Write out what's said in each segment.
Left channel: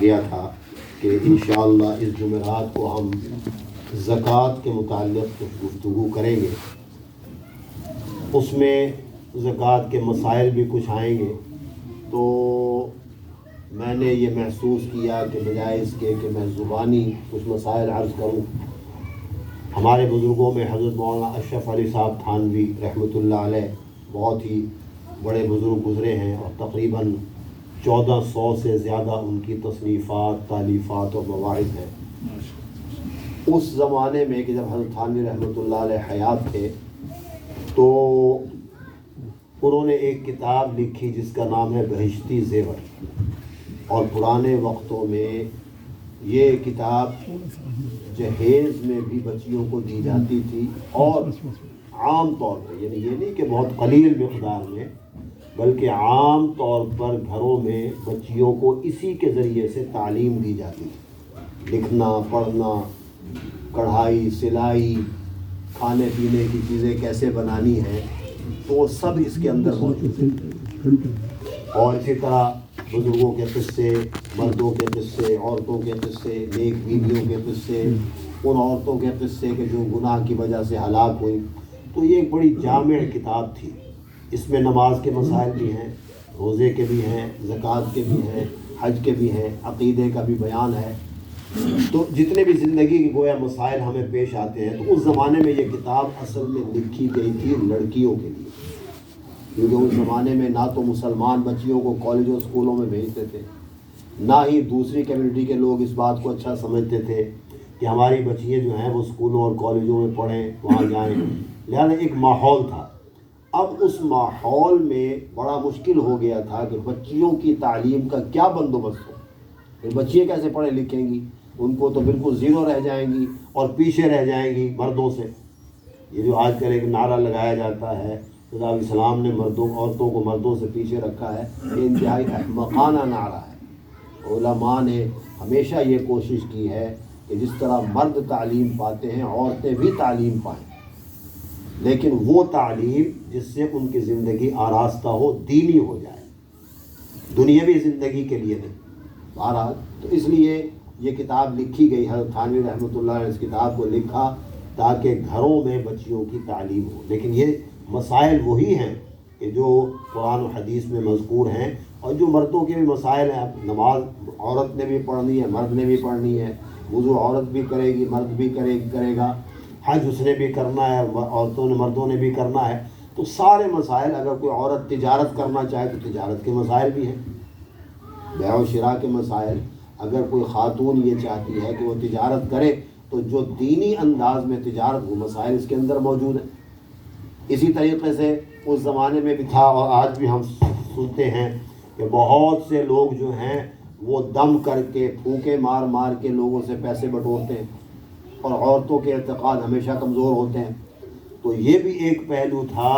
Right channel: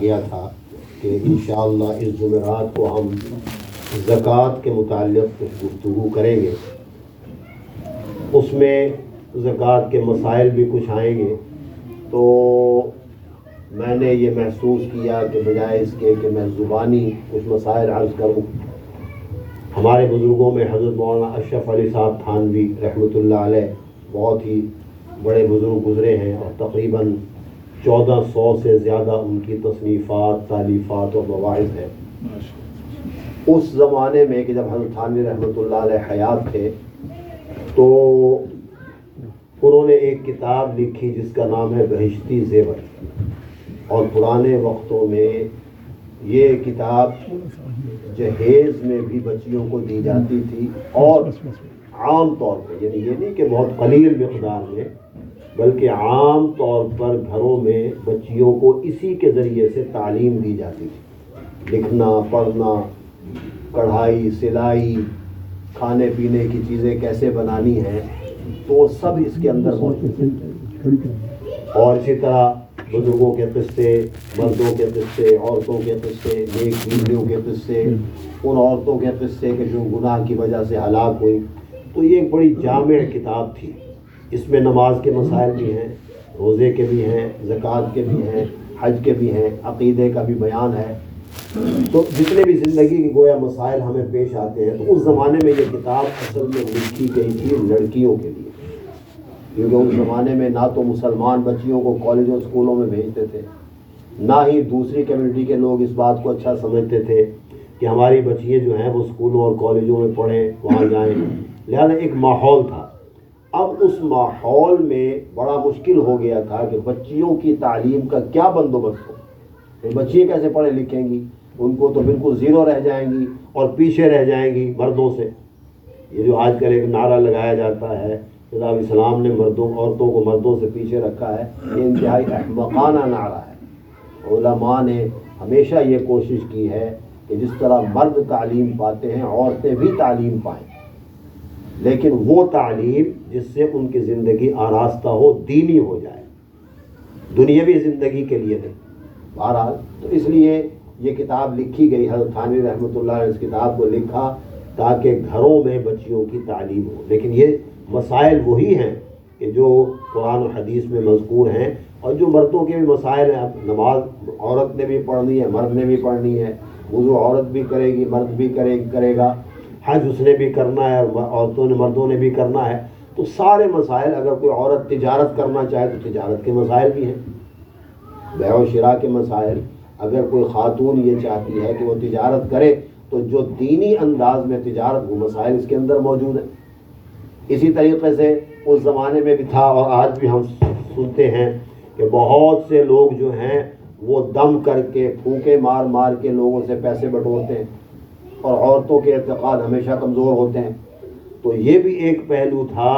گیا تھا کہ انشاءاللہ اس جمعرات کو ہم زکوٰۃ کے متعلق کچھ گفتگو کریں گے. اس میں زکوٰۃ کے مسائل بھی کچھ آئیں گے. تو میں نے یہ محسوس کیا کہ بجائے اس کے کہ میں زبانی کچھ مسائل عرض کروں، ہمارے بزرگوں میں حضرت مولانا اشرف علی صاحب تھانوی رحمۃ اللہ علیہ بہت ہی بڑے بزرگ گزرے ہیں، اور تقریباً 1400 سے زیادہ ان کی تصنیفات، تالیفات اور مواعظ ہیں. اس زمانے میں کہ جب حضرت تھانوی رحمۃ اللہ علیہ حیات تھے تو انہوں نے ایک کتاب لکھی جس کا نام ہے بہشتی زیور، اور پرانے وقتوں میں یہ کتاب جہیز میں بھی بچیوں کو دی جاتی تھی، اور عام طور پہ، یعنی یہ نہیں کہ بہت قلیل مقدار میں، بلکہ عام طور پر گھروں میں بچیوں کو اسی کے ذریعے سے تعلیم دی جاتی تھی. لکھنا، پڑھنا، کڑھائی، سلائی، کھانے پینے کی چیزیں کیسے بنانی ہیں، تو سب اس کے اندر موجود ہے. اور اسی طرح بزرگوں کے قصے، مردوں کے قصے، عورتوں کے قصے، نیک بیویوں کے قصے، ان عورتوں کے قصے کہ جو گناہ کی وجہ سے ہلاک ہوئی. تو یہ ایک بڑی جامع کتاب تھی. اس میں نماز کے مسائل بھی ہیں، روزے کے بھی ہیں، زکوٰۃ کے بھی ہیں، حج کے بھی ہیں، عقیدے کا بھی بیان ہے. تو جتنے بھی زندگی کے گویا مسائل ہمیں پیش آتے ہیں، تو اس زمانے میں یہ کتاب اصل میں لکھی گئی تھی لڑکیوں کے لیے، کیونکہ اس زمانے میں نہ تو مسلمان بچیوں کو کالجوں اسکولوں میں بھیجتے تھے، نہ ہی دوسری کمیونٹی کے لوگ اس بات کو اچھا سمجھتے تھے کہ ہماری بچیاں جو ہیں وہ اسکولوں اور کالجوں میں پڑھیں، وہاں جائیں. لہذا ایک ماحول تھا. اب اس ماحول میں بڑا مشکل ہو گیا تھا کہ بچیوں کی تعلیم کا کیا بندوبست ہو. بچیاں کیسے پڑھیں لکھیں گی؟ ان کو تو بالکل زیرو رہ جائیں گی اور پیچھے رہ جائیں گی مردوں سے. یہ جو آج کل ایک نعرہ لگایا جاتا ہے کہ اسلام نے عورتوں کو مردوں سے پیچھے رکھا ہے، یہ انتہائی احمقانہ نعرہ ہے. علماء نے ہمیشہ یہ کوشش کی ہے کہ جس طرح مرد تعلیم پاتے ہیں عورتیں بھی تعلیم پائیں، لیکن وہ تعلیم جس سے ان کی زندگی آراستہ ہو، دینی ہو جائے، دنیاوی زندگی کے لیے نہیں. بہرحال تو اس لیے یہ کتاب لکھی گئی. حضرت تھانوی رحمۃ اللہ نے اس کتاب کو لکھا تاکہ گھروں میں بچیوں کی تعلیم ہو. لیکن یہ مسائل وہی ہیں کہ جو قرآن و حدیث میں مذکور ہیں، اور جو مردوں کے بھی مسائل ہیں. اب نماز عورت نے بھی پڑھنی ہے، مرد نے بھی پڑھنی ہے. وضو عورت بھی کرے گی، مرد بھی کرے گا. حج اس نے بھی کرنا ہے، عورتوں نے مردوں نے بھی کرنا ہے. تو سارے مسائل، اگر کوئی عورت تجارت کرنا چاہے تو تجارت کے مسائل بھی ہیں، بیع و شراء کے مسائل. اگر کوئی خاتون یہ چاہتی ہے کہ وہ تجارت کرے تو جو دینی انداز میں تجارت، وہ مسائل اس کے اندر موجود ہیں. اسی طریقے سے اس زمانے میں بھی تھا، اور آج بھی ہم سنتے ہیں کہ بہت سے لوگ جو ہیں وہ دم کر کے، پھونکے مار مار کے لوگوں سے پیسے بٹورتے ہیں، اور عورتوں کے اعتقاد ہمیشہ کمزور ہوتے ہیں. تو یہ بھی ایک پہلو تھا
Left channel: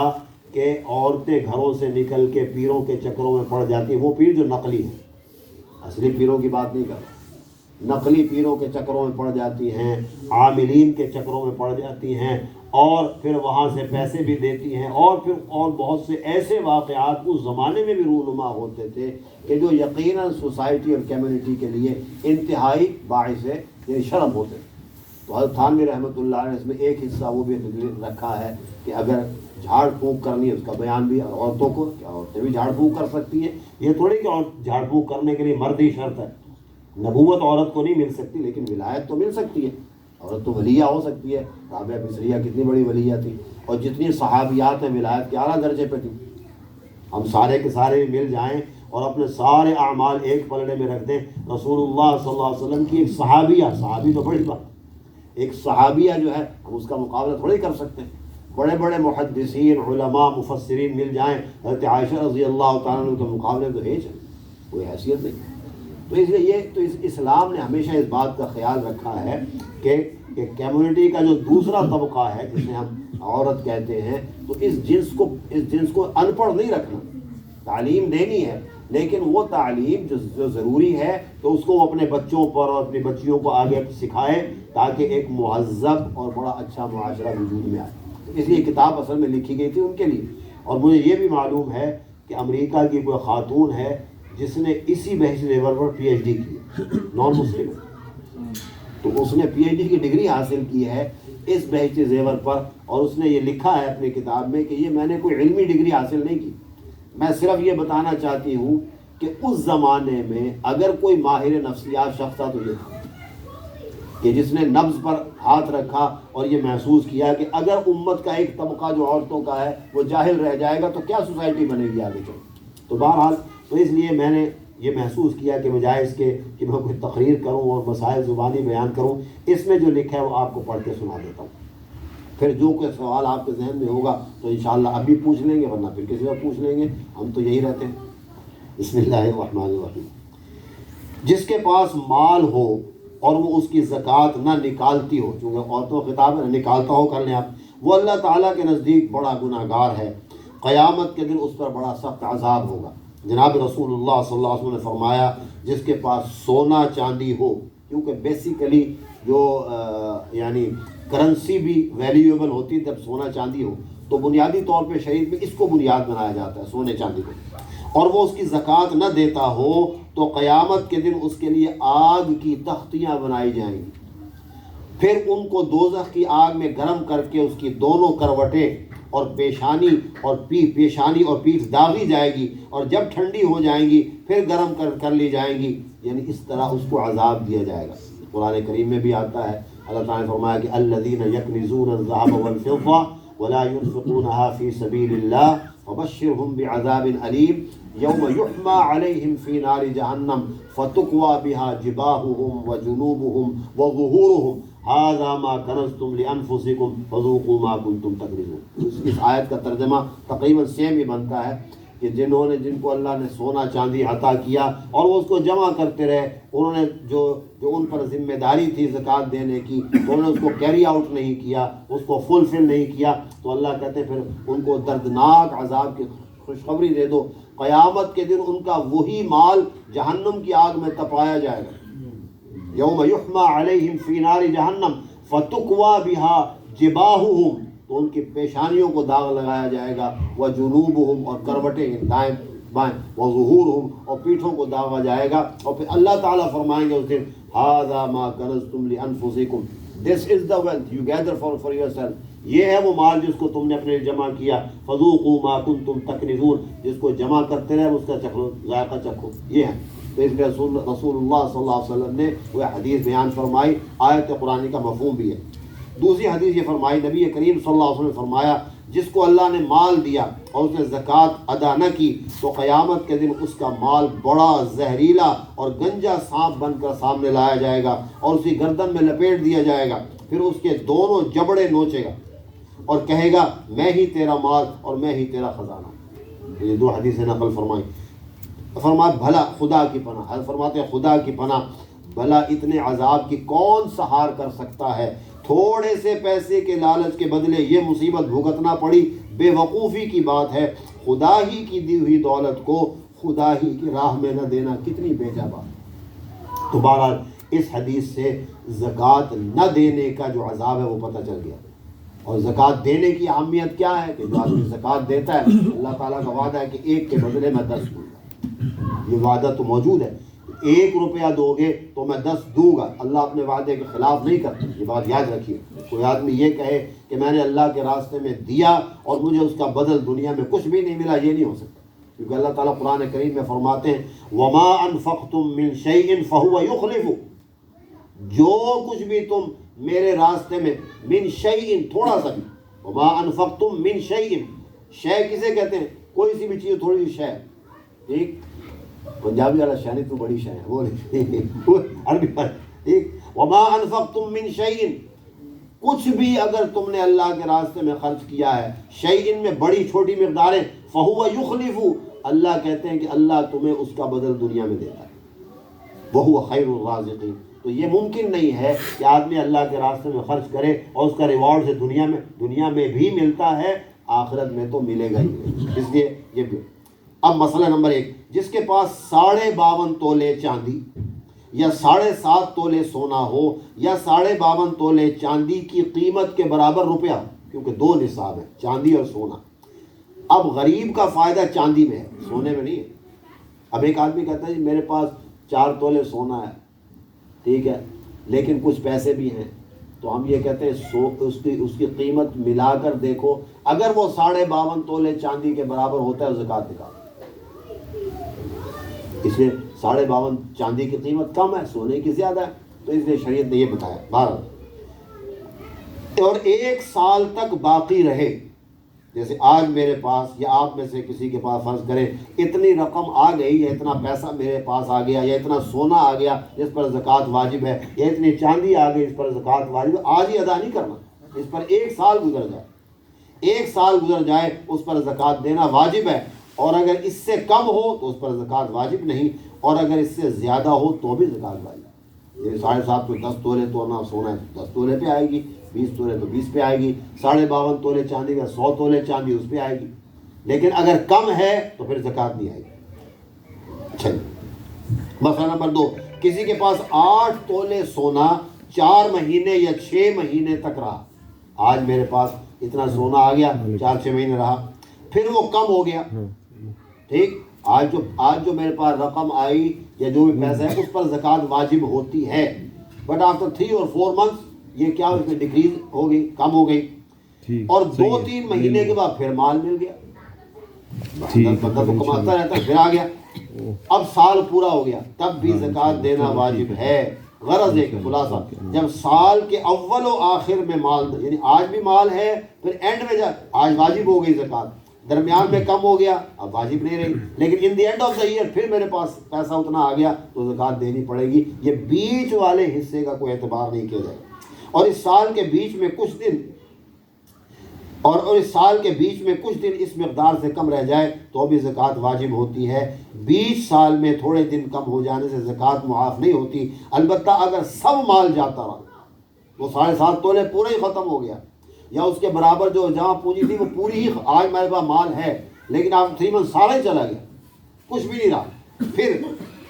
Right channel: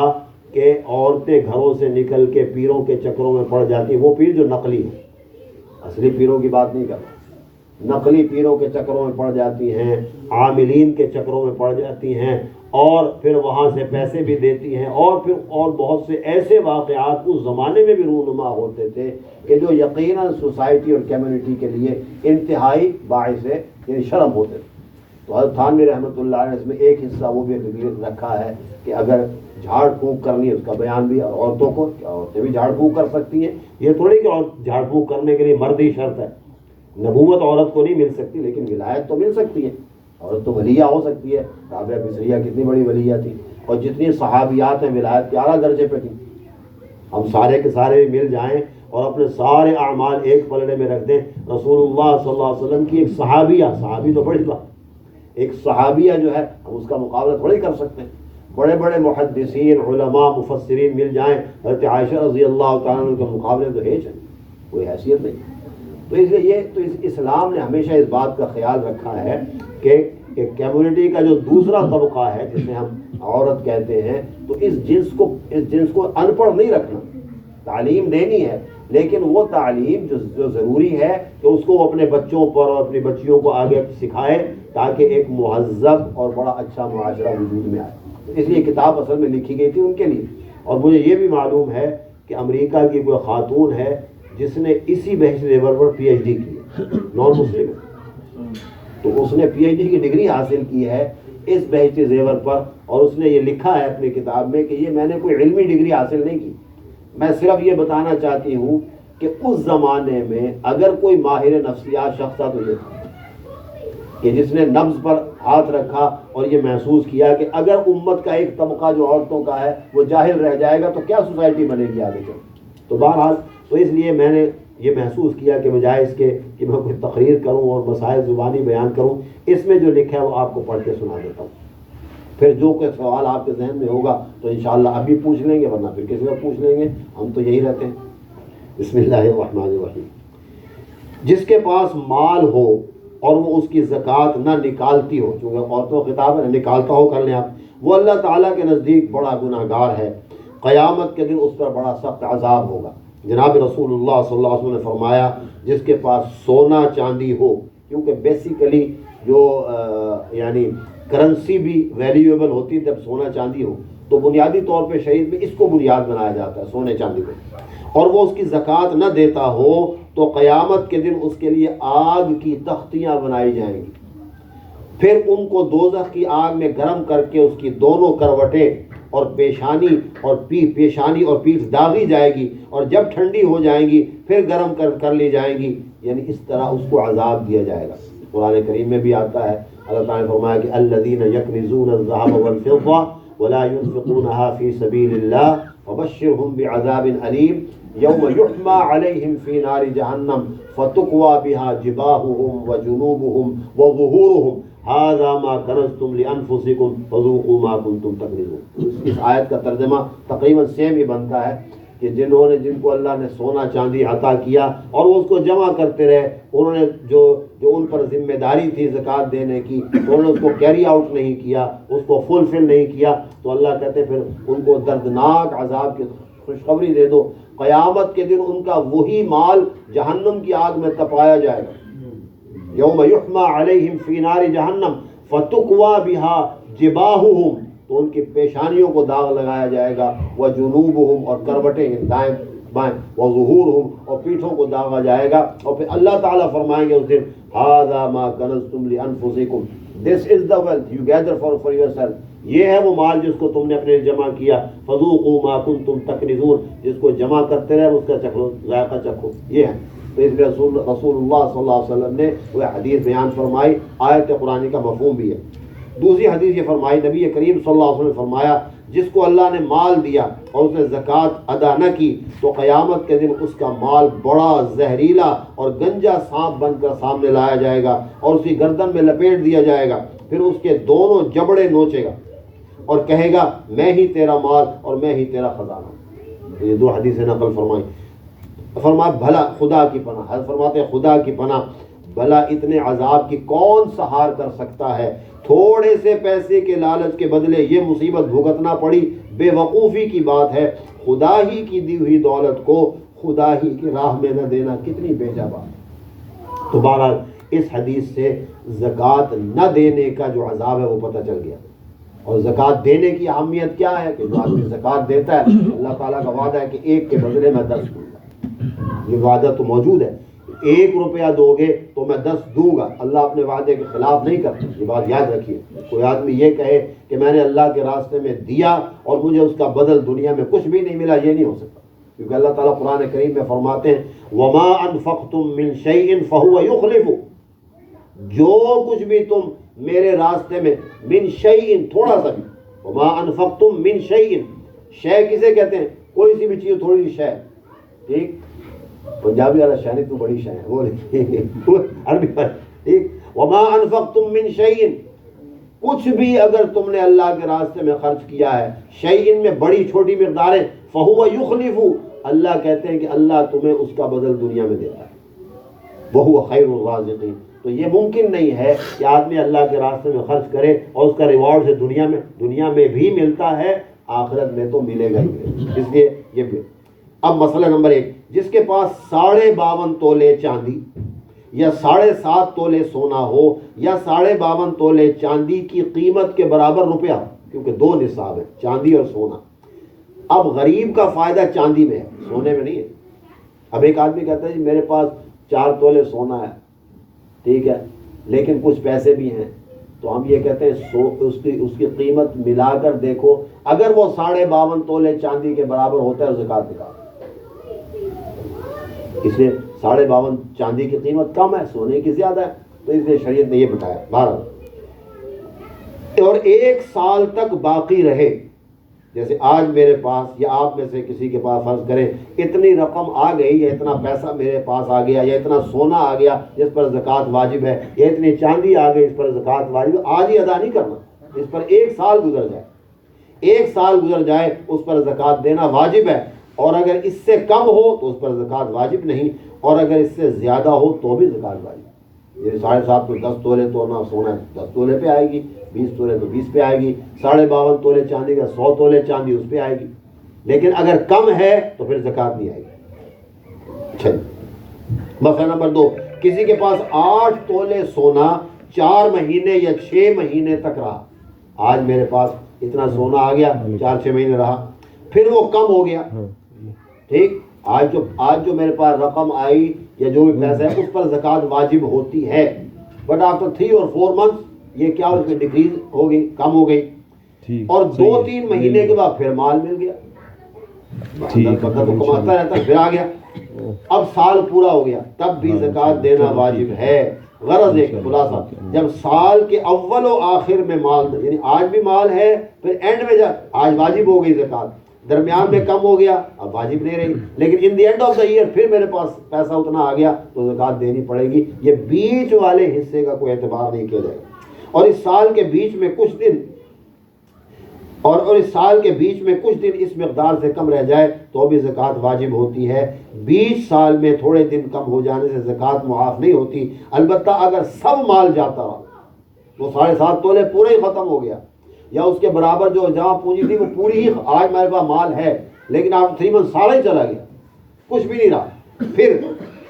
کہ عورتیں گھروں سے نکل کے پیروں کے چکروں میں پڑ جاتی. وہ پیر جو نقلی ہیں، اصلی پیروں کی بات نہیں کرتا، نقلی پیروں کے چکروں میں پڑ جاتی ہیں، عاملین کے چکروں میں پڑ جاتی ہیں، اور پھر وہاں سے پیسے بھی دیتی ہیں. اور بہت سے ایسے واقعات اس زمانے میں بھی رونما ہوتے تھے کہ جو یقیناً سوسائٹی اور کمیونٹی کے لیے انتہائی باعث یعنی شرم ہوتے تھے. تو حضرت تھانوی رحمۃ اللہ نے اس میں ایک حصہ وہ بھی رکھا ہے کہ اگر جھاڑ پھونک کرنی ہے، اس کا بیان بھی عورتوں کو، عورتیں بھی جھاڑ پھونک کر سکتی ہیں. یہ تھوڑی کہ جھاڑ پھونک کرنے کے لیے مرد ہی شرط ہے. نبوت عورت کو نہیں مل سکتی، لیکن ولایت تو مل سکتی ہے. عورت تو ولیہ ہو سکتی ہے. رابعہ بصریہ کتنی بڑی ولیہ تھی، اور جتنی صحابیات ہیں ولایت کے اعلیٰ درجے پہ تھیں. ہم سارے کے سارے بھی مل جائیں اور اپنے سارے اعمال ایک پلڑے میں رکھ دیں. رسول اللہ صلی اللہ علیہ وسلم کی ایک صحابی تو بڑی بات، ایک صحابیہ جو ہے، ہم اس کا مقابلہ تھوڑی کر سکتے ہیں. بڑے بڑے محدثین، علماء، مفسرین مل جائیں، حضرت عائشہ رضی اللہ تعالیٰ عنہ کے مقابلے تو ہیچ ہے، کوئی حیثیت نہیں. تو اس لیے اسلام نے ہمیشہ اس بات کا خیال رکھا ہے کہ کمیونٹی کا جو دوسرا طبقہ ہے جسے ہم عورت کہتے ہیں، تو اس جنس کو ان پڑھ نہیں رکھنا. تعلیم دینی ہے، لیکن وہ تعلیم جو ضروری ہے کہ اس کو وہ اپنے بچوں پر اور اپنی بچیوں کو آگے سکھائے تاکہ ایک مہذب اور بڑا اچھا معاشرہ وجود میں آئے. اس لیے کتاب اصل میں لکھی گئی تھی ان کے لیے. اور مجھے یہ بھی معلوم ہے کہ امریکہ کی کوئی خاتون ہے جس نے اسی بحث زیور پر PhD کی ہے. نان مسلم ہے، تو اس نے پی ایچ ڈی کی ڈگری حاصل کی ہے اس بہشت زیور پر، اور اس نے یہ لکھا ہے اپنی کتاب میں کہ یہ میں نے کوئی علمی ڈگری حاصل نہیں کی، میں صرف یہ بتانا چاہتی ہوں کہ اس زمانے میں اگر کوئی ماہر نفسیات شخص تھا تو یہ تھا کہ جس نے نبض پر ہاتھ رکھا اور یہ محسوس کیا کہ اگر امت کا ایک طبقہ جو عورتوں کا ہے وہ جاہل رہ جائے گا تو کیا سوسائٹی بنے گی آگے چل۔ تو بہرحال تو اس لیے میں نے یہ محسوس کیا کہ بجائے اس کے کہ میں کوئی تقریر کروں اور مسائل زبانی بیان کروں، اس میں جو لکھا ہے وہ آپ کو پڑھ کے سنا دیتا ہوں، پھر جو کوئی سوال آپ کے ذہن میں ہوگا تو انشاءاللہ ابھی پوچھ لیں گے، ورنہ پھر کسی وقت پوچھ لیں گے، ہم تو یہی رہتے ہیں۔ بسم اللہ الرحمن الرحیم۔ جس کے پاس مال ہو اور وہ اس کی زکوٰۃ نہ نکالتی ہو، چونکہ عورتوں کا خطاب ہے، نہ نکالتا ہو کر لیں آپ، وہ اللہ تعالیٰ کے نزدیک بڑا گناہ گار ہے، قیامت کے دن اس پر بڑا سخت عذاب ہوگا۔ جناب رسول اللہ صلی اللہ علیہ وسلم نے فرمایا جس کے پاس سونا چاندی ہو، کیونکہ بیسیکلی جو یعنی کرنسی بھی ویلیویبل ہوتی ہے جب سونا چاندی ہو، تو بنیادی طور پہ شریعت میں اس کو بنیاد بنایا جاتا ہے سونے چاندی پہ، اور وہ اس کی زکوٰۃ نہ دیتا ہو تو قیامت کے دن اس کے لیے آگ کی تختیاں بنائی جائیں گی، پھر ان کو دوزخ کی آگ میں گرم کر کے اس کی دونوں کروٹیں اور پیشانی اور پیٹھ داغی جائے گی، اور جب ٹھنڈی ہو جائیں گی پھر گرم کر لی جائیں گی، یعنی اس طرح اس کو عذاب دیا جائے گا۔ قرآن کریم میں بھی آتا ہے، اللہ تعالیٰ نے فرمایا کہ الذین یکنزون الذهب والفضة ولا ينفقونها في سبيل الله فبشرهم بعذاب أليم يوم يحمى عليهم في نار جهنم فتقوى بها جباههم وجنوبهم وظهورهم هذا ما كنزتم لأنفسكم فذوقوا ما كنتم تكنزون۔ اس آیت کا ترجمہ تقریباً سیم ہی بنتا ہے کہ جن کو اللہ نے سونا چاندی عطا کیا اور وہ اس کو جمع کرتے رہے، انہوں نے جو ان پر ذمہ داری تھی زکوٰۃ دینے کی، انہوں نے اس کو کیری آؤٹ نہیں کیا، اس کو فلفل نہیں کیا، تو اللہ کہتے ہیں پھر ان کو دردناک عذاب کی خوشخبری دے دو، قیامت کے دن ان کا وہی مال جہنم کی آگ میں تپایا جائے گا۔ یوم یحمى علیہم فی نار جہنم فتقوی بها جباہہم، تو ان کی پیشانیوں کو داغ لگایا جائے گا، وجنوبہم، اور کروٹیں دائیں بائیں، وظہورہم، اور پیٹھوں کو داغا جائے گا، اور پھر اللہ تعالیٰ فرمائیں گے اس دن ھذا ما کنزتم لانفسکم، this is the wealth you gather for yourself, یہ ہے وہ مال جس کو تم نے اپنے جمع کیا، فذوقوا ما کنتم تکنزون، جس کو جمع کرتے رہے اس کا چکھو، ذائقہ چکھو، یہ ہے۔ تو اس لیے رسول اللہ صلی اللہ علیہ وسلم نے وہ حدیث بیان فرمائی، آیت قرآن کا مفہوم بھی ہے۔ دوسری حدیث یہ فرمائی، نبی کریم صلی اللہ علیہ وسلم نے فرمایا جس کو اللہ نے مال دیا اور اس نے زکوٰۃ ادا نہ کی تو قیامت کے دن اس کا مال بڑا زہریلا اور گنجا سانپ بن کر سامنے لایا جائے گا اور اسی گردن میں لپیٹ دیا جائے گا، پھر اس کے دونوں جبڑے نوچے گا اور کہے گا میں ہی تیرا مال اور میں ہی تیرا خزانہ۔ تو یہ دو حدیثیں نقل فرمائی۔ فرمایا بھلا خدا کی پناہ، حضرت فرماتے ہیں خدا کی پناہ، بھلا اتنے عذاب کی کون سہار کر سکتا ہے، تھوڑے سے پیسے کے لالچ کے بدلے یہ مصیبت بھگتنا پڑی، بے وقوفی کی بات ہے، خدا ہی کی دی ہوئی دولت کو خدا ہی کی راہ میں نہ دینا کتنی بیجا بات ہے۔ تو بہرحال اس حدیث سے زکوٰۃ نہ دینے کا جو عذاب ہے وہ پتہ چل گیا، اور زکوٰۃ دینے کی اہمیت کیا ہے کہ جو آدمی زکوٰۃ دیتا ہے اللہ تعالیٰ کا وعدہ ہے کہ ایک کے بدلے میں 10 دوں گا، یہ وعدہ تو موجود ہے، 1 روپیہ دو گے تو میں 10 دوں گا، اللہ اپنے وعدے کے خلاف نہیں کرتا، یہ بات یاد رکھیے۔ کوئی آدمی یہ کہے کہ میں نے اللہ کے راستے میں دیا اور مجھے اس کا بدل دنیا میں کچھ بھی نہیں ملا، یہ نہیں ہو سکتا، کیونکہ اللہ تعالیٰ قرآن کریم میں فرماتے ہیں وَمَا أَنفَقْتُم مِّن شَيْءٍ فَهُوَ يُخْلِفُ، جو کچھ بھی تم میرے راستے میں، من شیء تھوڑا سا بھی، وَمَا أَنفَقْتُم مِّن شَيْءٍ، شے کسے کہتے ہیں؟ کوئی سی بھی چیز، تھوڑی سی شے، ٹھیک، پنجابی والا شاعری تو بڑی شاعر وہ عربی پر، ٹھیک، وَمَا أَنفَقْتُم مِّن شَيْءٍ، کچھ بھی اگر تم نے اللہ کے راستے میں خرچ کیا ہے، شیء میں بڑی چھوٹی مقداریں، فَهُوَ يُخْلِفُ، اللہ کہتے ہیں کہ اللہ تمہیں اس کا بدل دنیا میں دیتا ہے، وَهُوَ خَيْرُ الرَّازِقِينَ۔ تو یہ ممکن نہیں ہے کہ آدمی اللہ کے راستے میں خرچ کرے اور اس کا ریوارڈ سے دنیا میں بھی ملتا ہے، آخرت میں تو ملے گا ہی، اس لیے یہ بھی۔ اب مسئلہ نمبر 1، جس کے پاس 52.5 تولے چاندی یا 7.5 تولے سونا ہو یا 52.5 تولے چاندی کی قیمت کے برابر روپیہ ہو، کیونکہ 2 نصاب ہیں، چاندی اور سونا۔ اب غریب کا فائدہ چاندی میں ہے، سونے میں نہیں ہے۔ اب ایک آدمی کہتا ہے جی میرے پاس 4 تولے سونا ہے ٹھیک ہے، لیکن کچھ پیسے بھی ہیں، تو ہم یہ کہتے ہیں اس کی قیمت ملا کر دیکھو، اگر وہ 52.5 تولے چاندی کے برابر ہوتا ہے زکوٰۃ نکال، اس لیے 52.5 چاندی کی قیمت کم ہے، سونے کی زیادہ ہے، تو اس لیے شریعت نے یہ بتایا 12 اور 1 سال تک باقی رہے، جیسے آج میرے پاس یا آپ میں سے کسی کے پاس فرض کریں اتنی رقم آ گئی یا اتنا پیسہ میرے پاس آ گیا یا اتنا سونا آ گیا جس پر زکوٰۃ واجب ہے یا اتنی چاندی آ گئی اس پر زکوٰۃ واجب ہے، آج ہی ادا نہیں کرنا، اس پر 1 سال گزر جائے، 1 سال گزر جائے اس پر زکوٰۃ دینا واجب ہے، اور اگر اس سے کم ہو تو اس پر زکوٰۃ واجب نہیں، اور اگر اس سے زیادہ ہو تو بھی زکوٰۃ واجب۔ یہ 7.5 کو 10 تولے توڑنا سونا ہے 10 تولے پہ آئے گی، 20 تولے تو 20 پہ آئے گی، 52.5 تولے چاندی کا 100 تولے چاندی اس پہ آئے گی، لیکن اگر کم ہے تو پھر زکوٰۃ نہیں آئے گی۔ چلیے مسئلہ نمبر 2، کسی کے پاس 8 تولے سونا 4 مہینے یا 6 مہینے تک رہا، آج میرے پاس اتنا سونا آ گیا 4-6 مہینے رہا، پھر وہ کم ہو گیا، ٹھیک، آج جو میرے پاس رقم آئی یا جو بھی پیسہ ہے اس پر زکوٰۃ واجب ہوتی ہے، بٹ آفٹر 3 اور 4 منتھ یہ کیا اس میں ڈیکریز ہو گئی، کم ہو گئی، اور 2-3 مہینے کے بعد پھر مال مل گیا، بندہ تو کماتا رہتا پھر آ گیا، اب سال پورا ہو گیا تب بھی زکوٰۃ دینا واجب ہے۔ غرض ایک خلاصہ، جب سال کے اول و آخر میں مال، یعنی آج بھی مال ہے، پھر اینڈ میں آج واجب ہو گئی زکوٰۃ، درمیان میں کم ہو گیا اب واجب نہیں رہی، لیکن in the end of the year پھر میرے پاس پیسہ اتنا آ گیا تو زکوٰۃ دینی پڑے گی، یہ بیچ والے حصے کا کوئی اعتبار نہیں کیا جائے گا، اور اس سال کے بیچ میں کچھ دن اس مقدار سے کم رہ جائے تو بھی زکوٰۃ واجب ہوتی ہے، بیچ سال میں تھوڑے دن کم ہو جانے سے زکوٰۃ معاف نہیں ہوتی، البتہ اگر سب مال جاتا رہا، وہ 7.5 تولے پورے ہی ختم ہو گیا، یا اس کے برابر جو جمع پونجی تھی وہ پوری ہی، آج میرے پاس مال ہے لیکن آپ 3 منتھ سارا ہی چلا گیا، کچھ بھی نہیں رہا، پھر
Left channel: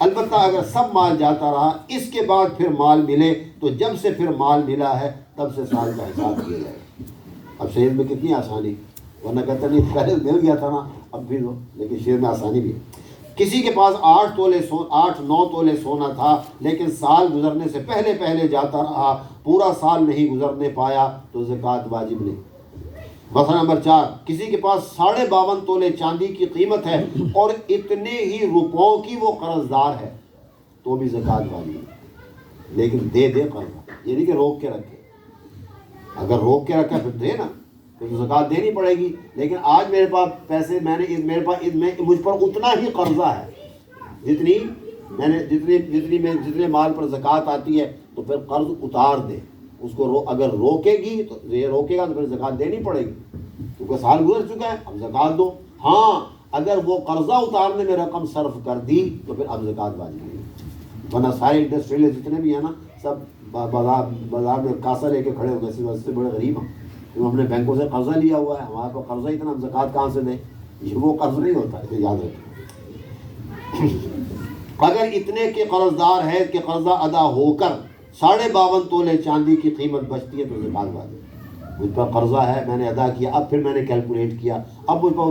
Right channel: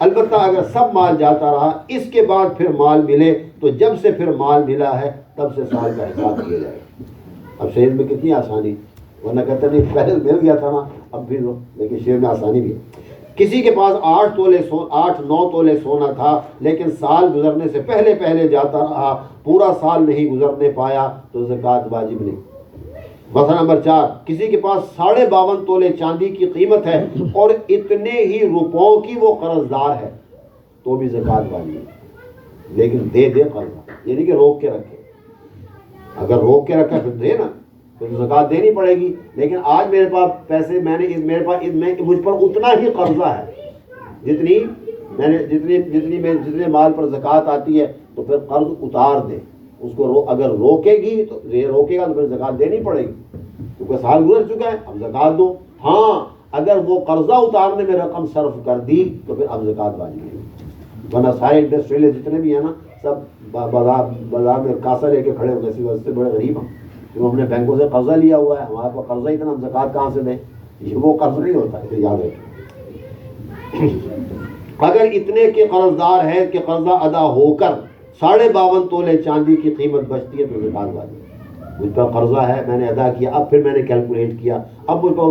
البتہ اگر سب مال جاتا رہا اس کے بعد پھر مال ملے تو جب سے پھر مال ملا ہے تب سے سال کا حساب کیا جائے گا۔ اب شعر میں کتنی آسانی، ورنہ کہتا نہیں پہلے مل گیا تھا نا اب بھی دو، لیکن شعر میں آسانی بھی ہے۔ کسی کے پاس 8-9 تولے سونا تھا لیکن سال گزرنے سے پہلے جاتا رہا، پورا سال نہیں گزرنے پایا تو زکوٰۃ واجب نہیں۔ مسئلہ نمبر 4، کسی کے پاس 52.5 تولے چاندی کی قیمت ہے اور اتنے ہی روپوں کی وہ قرض دار ہے تو بھی زکوٰۃ واجب ہے، لیکن دے قرض، یعنی کہ روک کے رکھے، اگر روک کے رکھا پھر دے نا، پھر زکوٰۃ دینی پڑے گی، لیکن آج میرے پاس پیسے مجھ پر اتنا ہی قرضہ ہے جتنے مال پر زکوٰۃ آتی ہے، تو پھر قرض اتار دے، اس کو اگر روکے گی تو یہ روکے گا تو پھر زکوٰۃ دینی پڑے گی، کیونکہ سال گزر چکا ہے اب زکوٰۃ دو۔ ہاں اگر وہ قرضہ اتارنے میں رقم صرف کر دی تو پھر اب زکوٰۃ واجب نہیں، ورنہ سارے انڈسٹریل جتنے بھی ہیں نا سب بازار میں کاسا لے کے کھڑے ہوئے، اسی وجہ سے بڑے غریب ہیں، کیونکہ ہم نے بینکوں سے قرضہ لیا ہوا ہے، ہمارے پاس قرضہ اتنا، ہم زکوٰۃ کہاں سے دیں؟ یہ وہ قرض نہیں ہوتا، اسے یاد رکھیں۔ اگر اتنے کے قرض دار ہے کہ قرضہ ادا ہو کر 52.5 تولے چاندی کی قیمت بچتی ہے تو زکوٰۃ واجب ہے۔ مجھ پر قرضہ ہے، میں نے ادا کیا، اب پھر میں نے کیلکولیٹ کیا، اب مجھ پر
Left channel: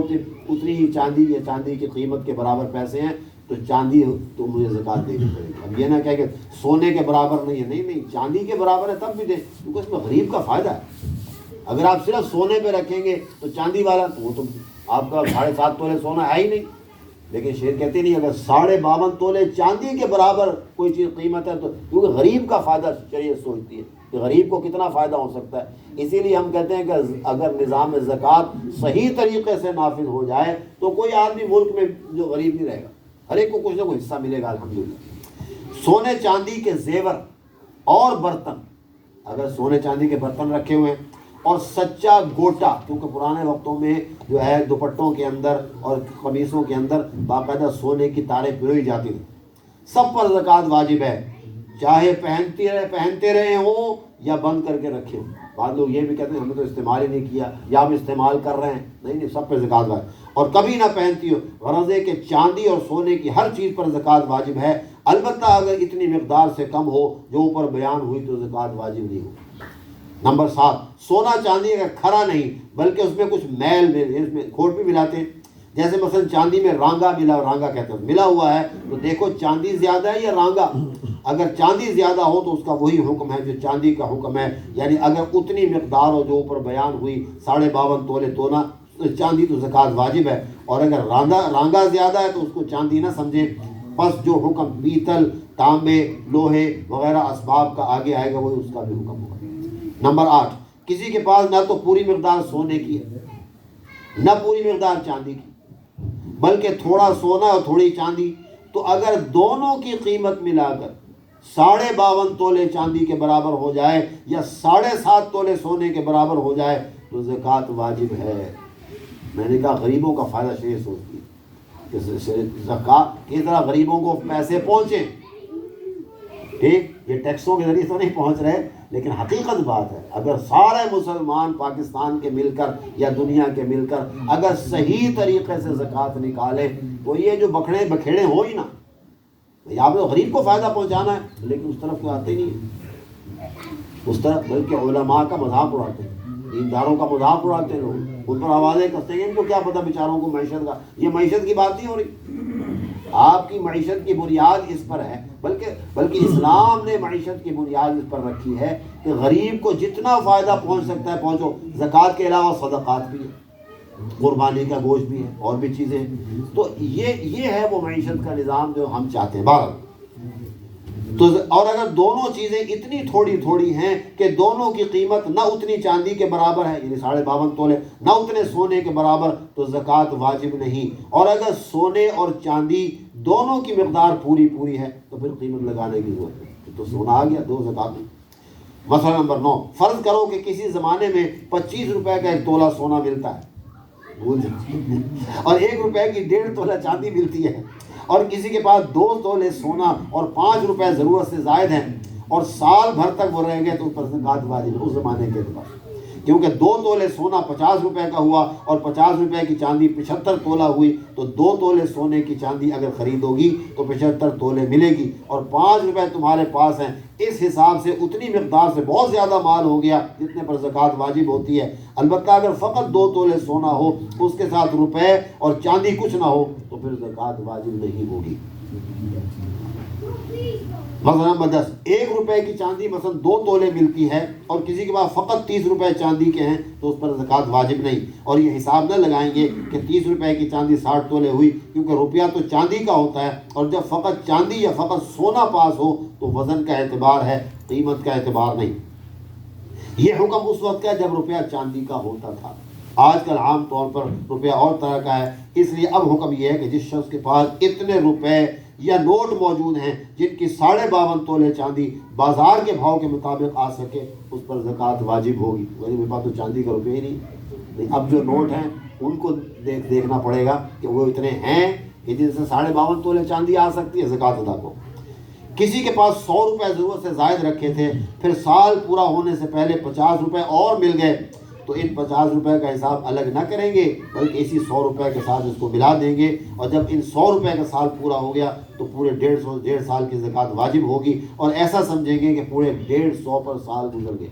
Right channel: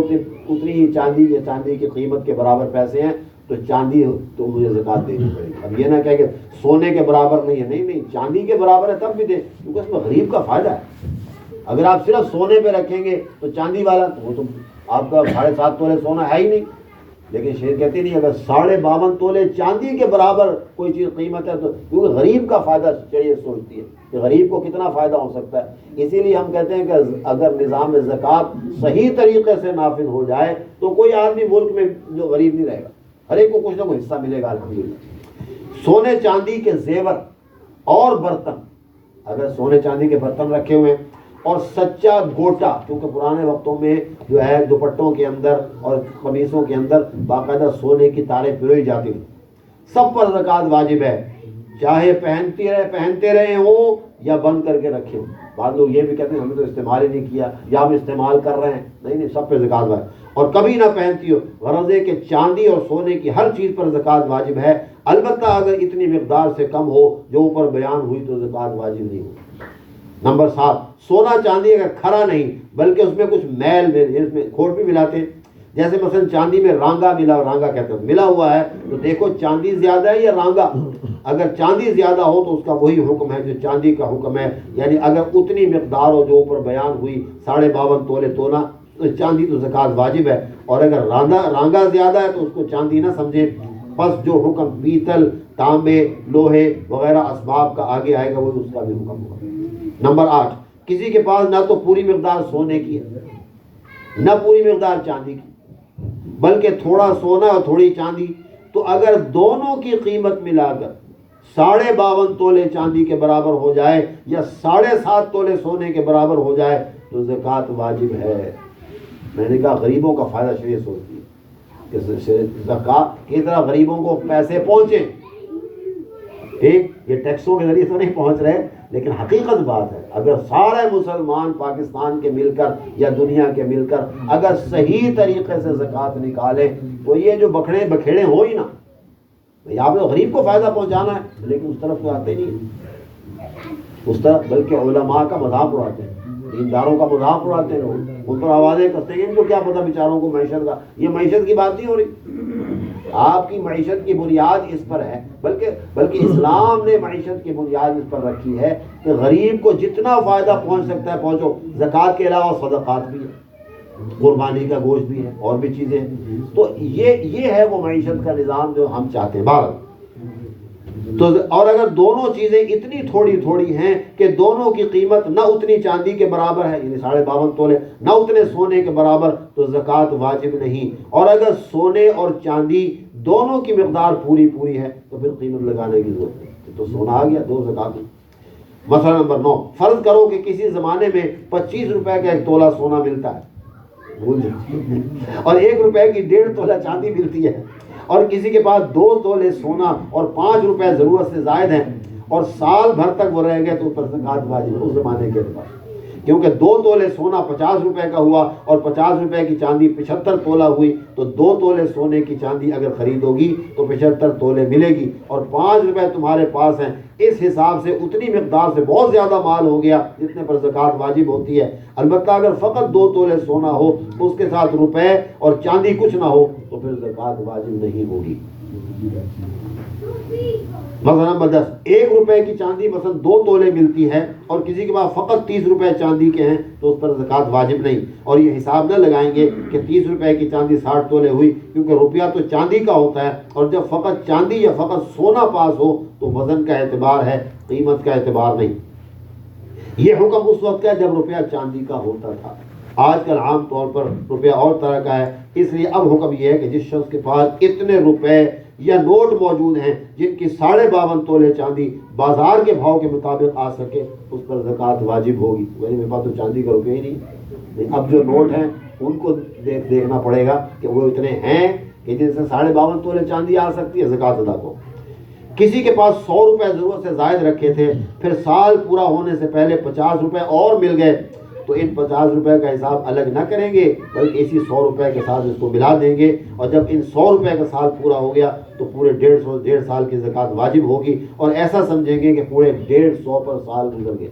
اتنی ہی چاندی کی قیمت کے برابر پیسے ہیں تو چاندی تو مجھے زکوٰۃ دینی پڑے گی۔ اب یہ نہ کہ سونے کے برابر نہیں ہے، نہیں چاندی کے برابر ہے تب بھی دیں، کیونکہ اس میں غریب کا فائدہ ہے۔ اگر آپ صرف سونے پہ رکھیں گے تو چاندی والا تو وہ تو آپ کا 7.5 تولے سونا ہے ہی نہیں، لیکن شعر کہتے نہیں اگر 52.5 تولے چاندی کے برابر کوئی چیز قیمت ہے تو، کیونکہ غریب کا فائدہ شریعت سوچتی ہے کہ غریب کو کتنا فائدہ ہو سکتا ہے، اسی لیے ہم کہتے ہیں کہ اگر نظام زکوٰۃ صحیح طریقے سے نافذ ہو جائے تو کوئی آدمی ملک میں جو غریب نہیں رہے گا، ہر ایک کو کچھ نہ کچھ حصہ ملے گا الحمدللہ۔ سونے چاندی کے زیور اور برتن، اگر سونے چاندی کے برتن رکھے ہوئے اور سچا گوٹا، کیونکہ پرانے وقتوں میں جو ہے دوپٹوں کے اندر اور قمیصوں کے اندر باقاعدہ سونے کی تاریں پروئی جاتی تھیں، سب پر زکوٰۃ واجب ہے، چاہے پہنتے رہے ہوں یا بند کر کے رکھے ہوں۔ بعض لوگ یہ بھی کہتے ہیں ہم نے تو استعمال ہی نہیں کیا یا ہم استعمال کر رہے ہیں، نہیں سب پہ زکوٰۃ واجب، اور کبھی نہ پہنتی ہو، غرض ہے کہ چاندی اور سونے کی ہر چیز پر زکوٰۃ واجب ہے، البتہ اگر اتنی مقدار سے کم ہو جو اوپر بیان ہوئی تو زکوٰۃ واجب نہیں ہوگی۔ نمبر 7، سونا چاندی اگر کھرا نہیں بلکہ اس میں کچھ میل اس میں کھوٹ بھی ملاتے ہیں، جیسے مثلا چاندی میں رانگا ملا، رانگا کہتے ہیں ملا ہوا ہے، تو دیکھو چاندی زیادہ ہے یا رانگا. اگر چاندی زیادہ ہو تو اس کا وہی حکم ہے جو چاندی کا حکم ہے، یعنی اگر اتنی مقدار ہو جو اوپر بیان ہوئی 52.5 تولے تولا چاندی تو زکوٰۃ واجب ہے. اور اگر رانگا زیادہ ہے تو اس کو چاندی نہ سمجھے. پس جو حکم پیتل، تانبے، لوہے وغیرہ اسباب کا آگے آئے گا وہ اس کا بھی حکم ہوگا. نمبر 8، کسی کے پاس نہ تو پوری مقدار سونے کی ہے نہ پوری مقدار چاندی کی، بلکہ تھوڑا سونا اور تھوڑی چاندی، تو اگر دونوں کی قیمت ملا کر 52.5 تولے چاندی کے برابر ہو جائے یا 7.5 تولے سونے کے برابر ہو جائے تو زکوٰۃ واجب ہے. میں نے کہا غریبوں کا فائدہ شریعت سوچتی ہے کہ زکوٰۃ کی طرح غریبوں کو پیسے پہنچیں. ٹھیک، یہ ٹیکسوں کے ذریعے تو نہیں پہنچ رہے، لیکن حقیقت بات ہے اگر سارے مسلمان پاکستان کے مل کر یا دنیا کے مل کر اگر صحیح طریقے سے زکوٰۃ نکالے تو یہ جو بکھیڑے ہو ہی نا. یہاں پہ غریب کو فائدہ پہنچانا ہے لیکن اس طرف آتے نہیں اس طرف، بلکہ علماء کا مذاق اڑاتے ہیں، دینداروں کا مذاق اڑاتے ہیں لوگ، ان پر آوازیں کرتے ہیں. ان کو کیا پتہ بیچاروں کو معیشت کا، یہ معیشت کی بات نہیں ہو رہی. آپ کی معیشت کی بنیاد اس پر ہے، بلکہ اسلام نے معیشت کی بنیاد اس پر رکھی ہے کہ غریب کو جتنا فائدہ پہنچ سکتا ہے پہنچو. زکوٰۃ کے علاوہ صدقات بھی ہے، قربانی کا گوشت بھی ہے، اور بھی چیزیں ہیں. تو یہ ہے وہ معیشت کا نظام جو ہم چاہتے ہیں. بہرحال تو اور اگر دونوں چیزیں اتنی تھوڑی تھوڑی ہیں کہ دونوں کی قیمت نہ اتنی چاندی کے برابر ہے، یعنی 52.5 تولے، نہ اتنے سونے کے برابر، تو زکوٰۃ واجب نہیں. اور اگر سونے اور چاندی دونوں کی مقدار پوری ہے تو پھر قیمت لگانے کی ضرورت ہے. تو سونا آ گیا، 2 زکوٰۃ. مسئلہ نمبر 9، فرض کرو کہ کسی زمانے میں 25 روپے کا 1 تولہ سونا ملتا ہے اور 1 روپے کی 1.5 تولہ چاندی ملتی ہے، اور کسی کے پاس 2 تولے سونا اور 5 روپے ضرورت سے زائد ہیں اور سال بھر تک وہ رہیں گے تو پر زکوٰۃ واجب ہے اس زمانے کے اعتبار، کیونکہ 2 تولے سونا 50 روپے کا ہوا اور 50 روپے کی چاندی 75 تولہ ہوئی، تو 2 تولے سونے کی چاندی اگر خریدوگی تو 75 تولے ملے گی، اور 5 روپے تمہارے پاس ہیں. اس حساب سے اتنی مقدار سے بہت زیادہ مال ہو گیا جتنے پر زکوٰۃ واجب ہوتی ہے. البتہ اگر فقط 2 تولے سونا ہو، اس کے ساتھ روپے اور چاندی کچھ نہ ہو تو پھر زکوٰۃ واجب نہیں ہوگی. مثلا نمبر 10، 1 روپے کی چاندی مثلا 2 تولے ملتی ہے اور کسی کے پاس فقط 30 روپے چاندی کے ہیں تو اس پر زکوٰۃ واجب نہیں. اور یہ حساب نہ لگائیں گے کہ 30 روپے کی چاندی 60 تولے ہوئی، کیونکہ روپیہ تو چاندی کا ہوتا ہے، اور جب فقط چاندی یا فقط سونا پاس ہو تو وزن کا اعتبار ہے، قیمت کا اعتبار نہیں. یہ حکم اس وقت کا ہے جب روپیہ چاندی کا ہوتا تھا. آج کل عام طور پر روپیہ اور طرح کا ہے، اس لیے اب حکم یہ ہے کہ جس شخص کے پاس اتنے روپے یا نوٹ موجود ہیں جن کی 52.5 تولے چاندی بازار کے بھاؤ کے مطابق آ سکے اس پر زکوٰۃ واجب ہوگی. میرے پاس تو چاندی کا روپیہ ہی نہیں، اب جو نوٹ ہیں ان کو دیکھنا پڑے گا کہ وہ اتنے ہیں کہ جن سے 52.5 تولے چاندی آ سکتی ہے، زکوٰۃ ادا کو. کسی کے پاس 100 روپے ضرورت سے زائد رکھے تھے، پھر سال پورا ہونے سے پہلے 50 روپے اور مل گئے، تو ان 50 روپے کا حساب الگ نہ کریں گے بلکہ اسی 100 روپے کے ساتھ اس کو ملا دیں گے. اور جب ان 100 روپے کا سال پورا ہو گیا تو پورے 1.5 سال کی زکوٰۃ واجب ہوگی، اور ایسا سمجھیں گے کہ پورے 150 پر سال گزر گئے.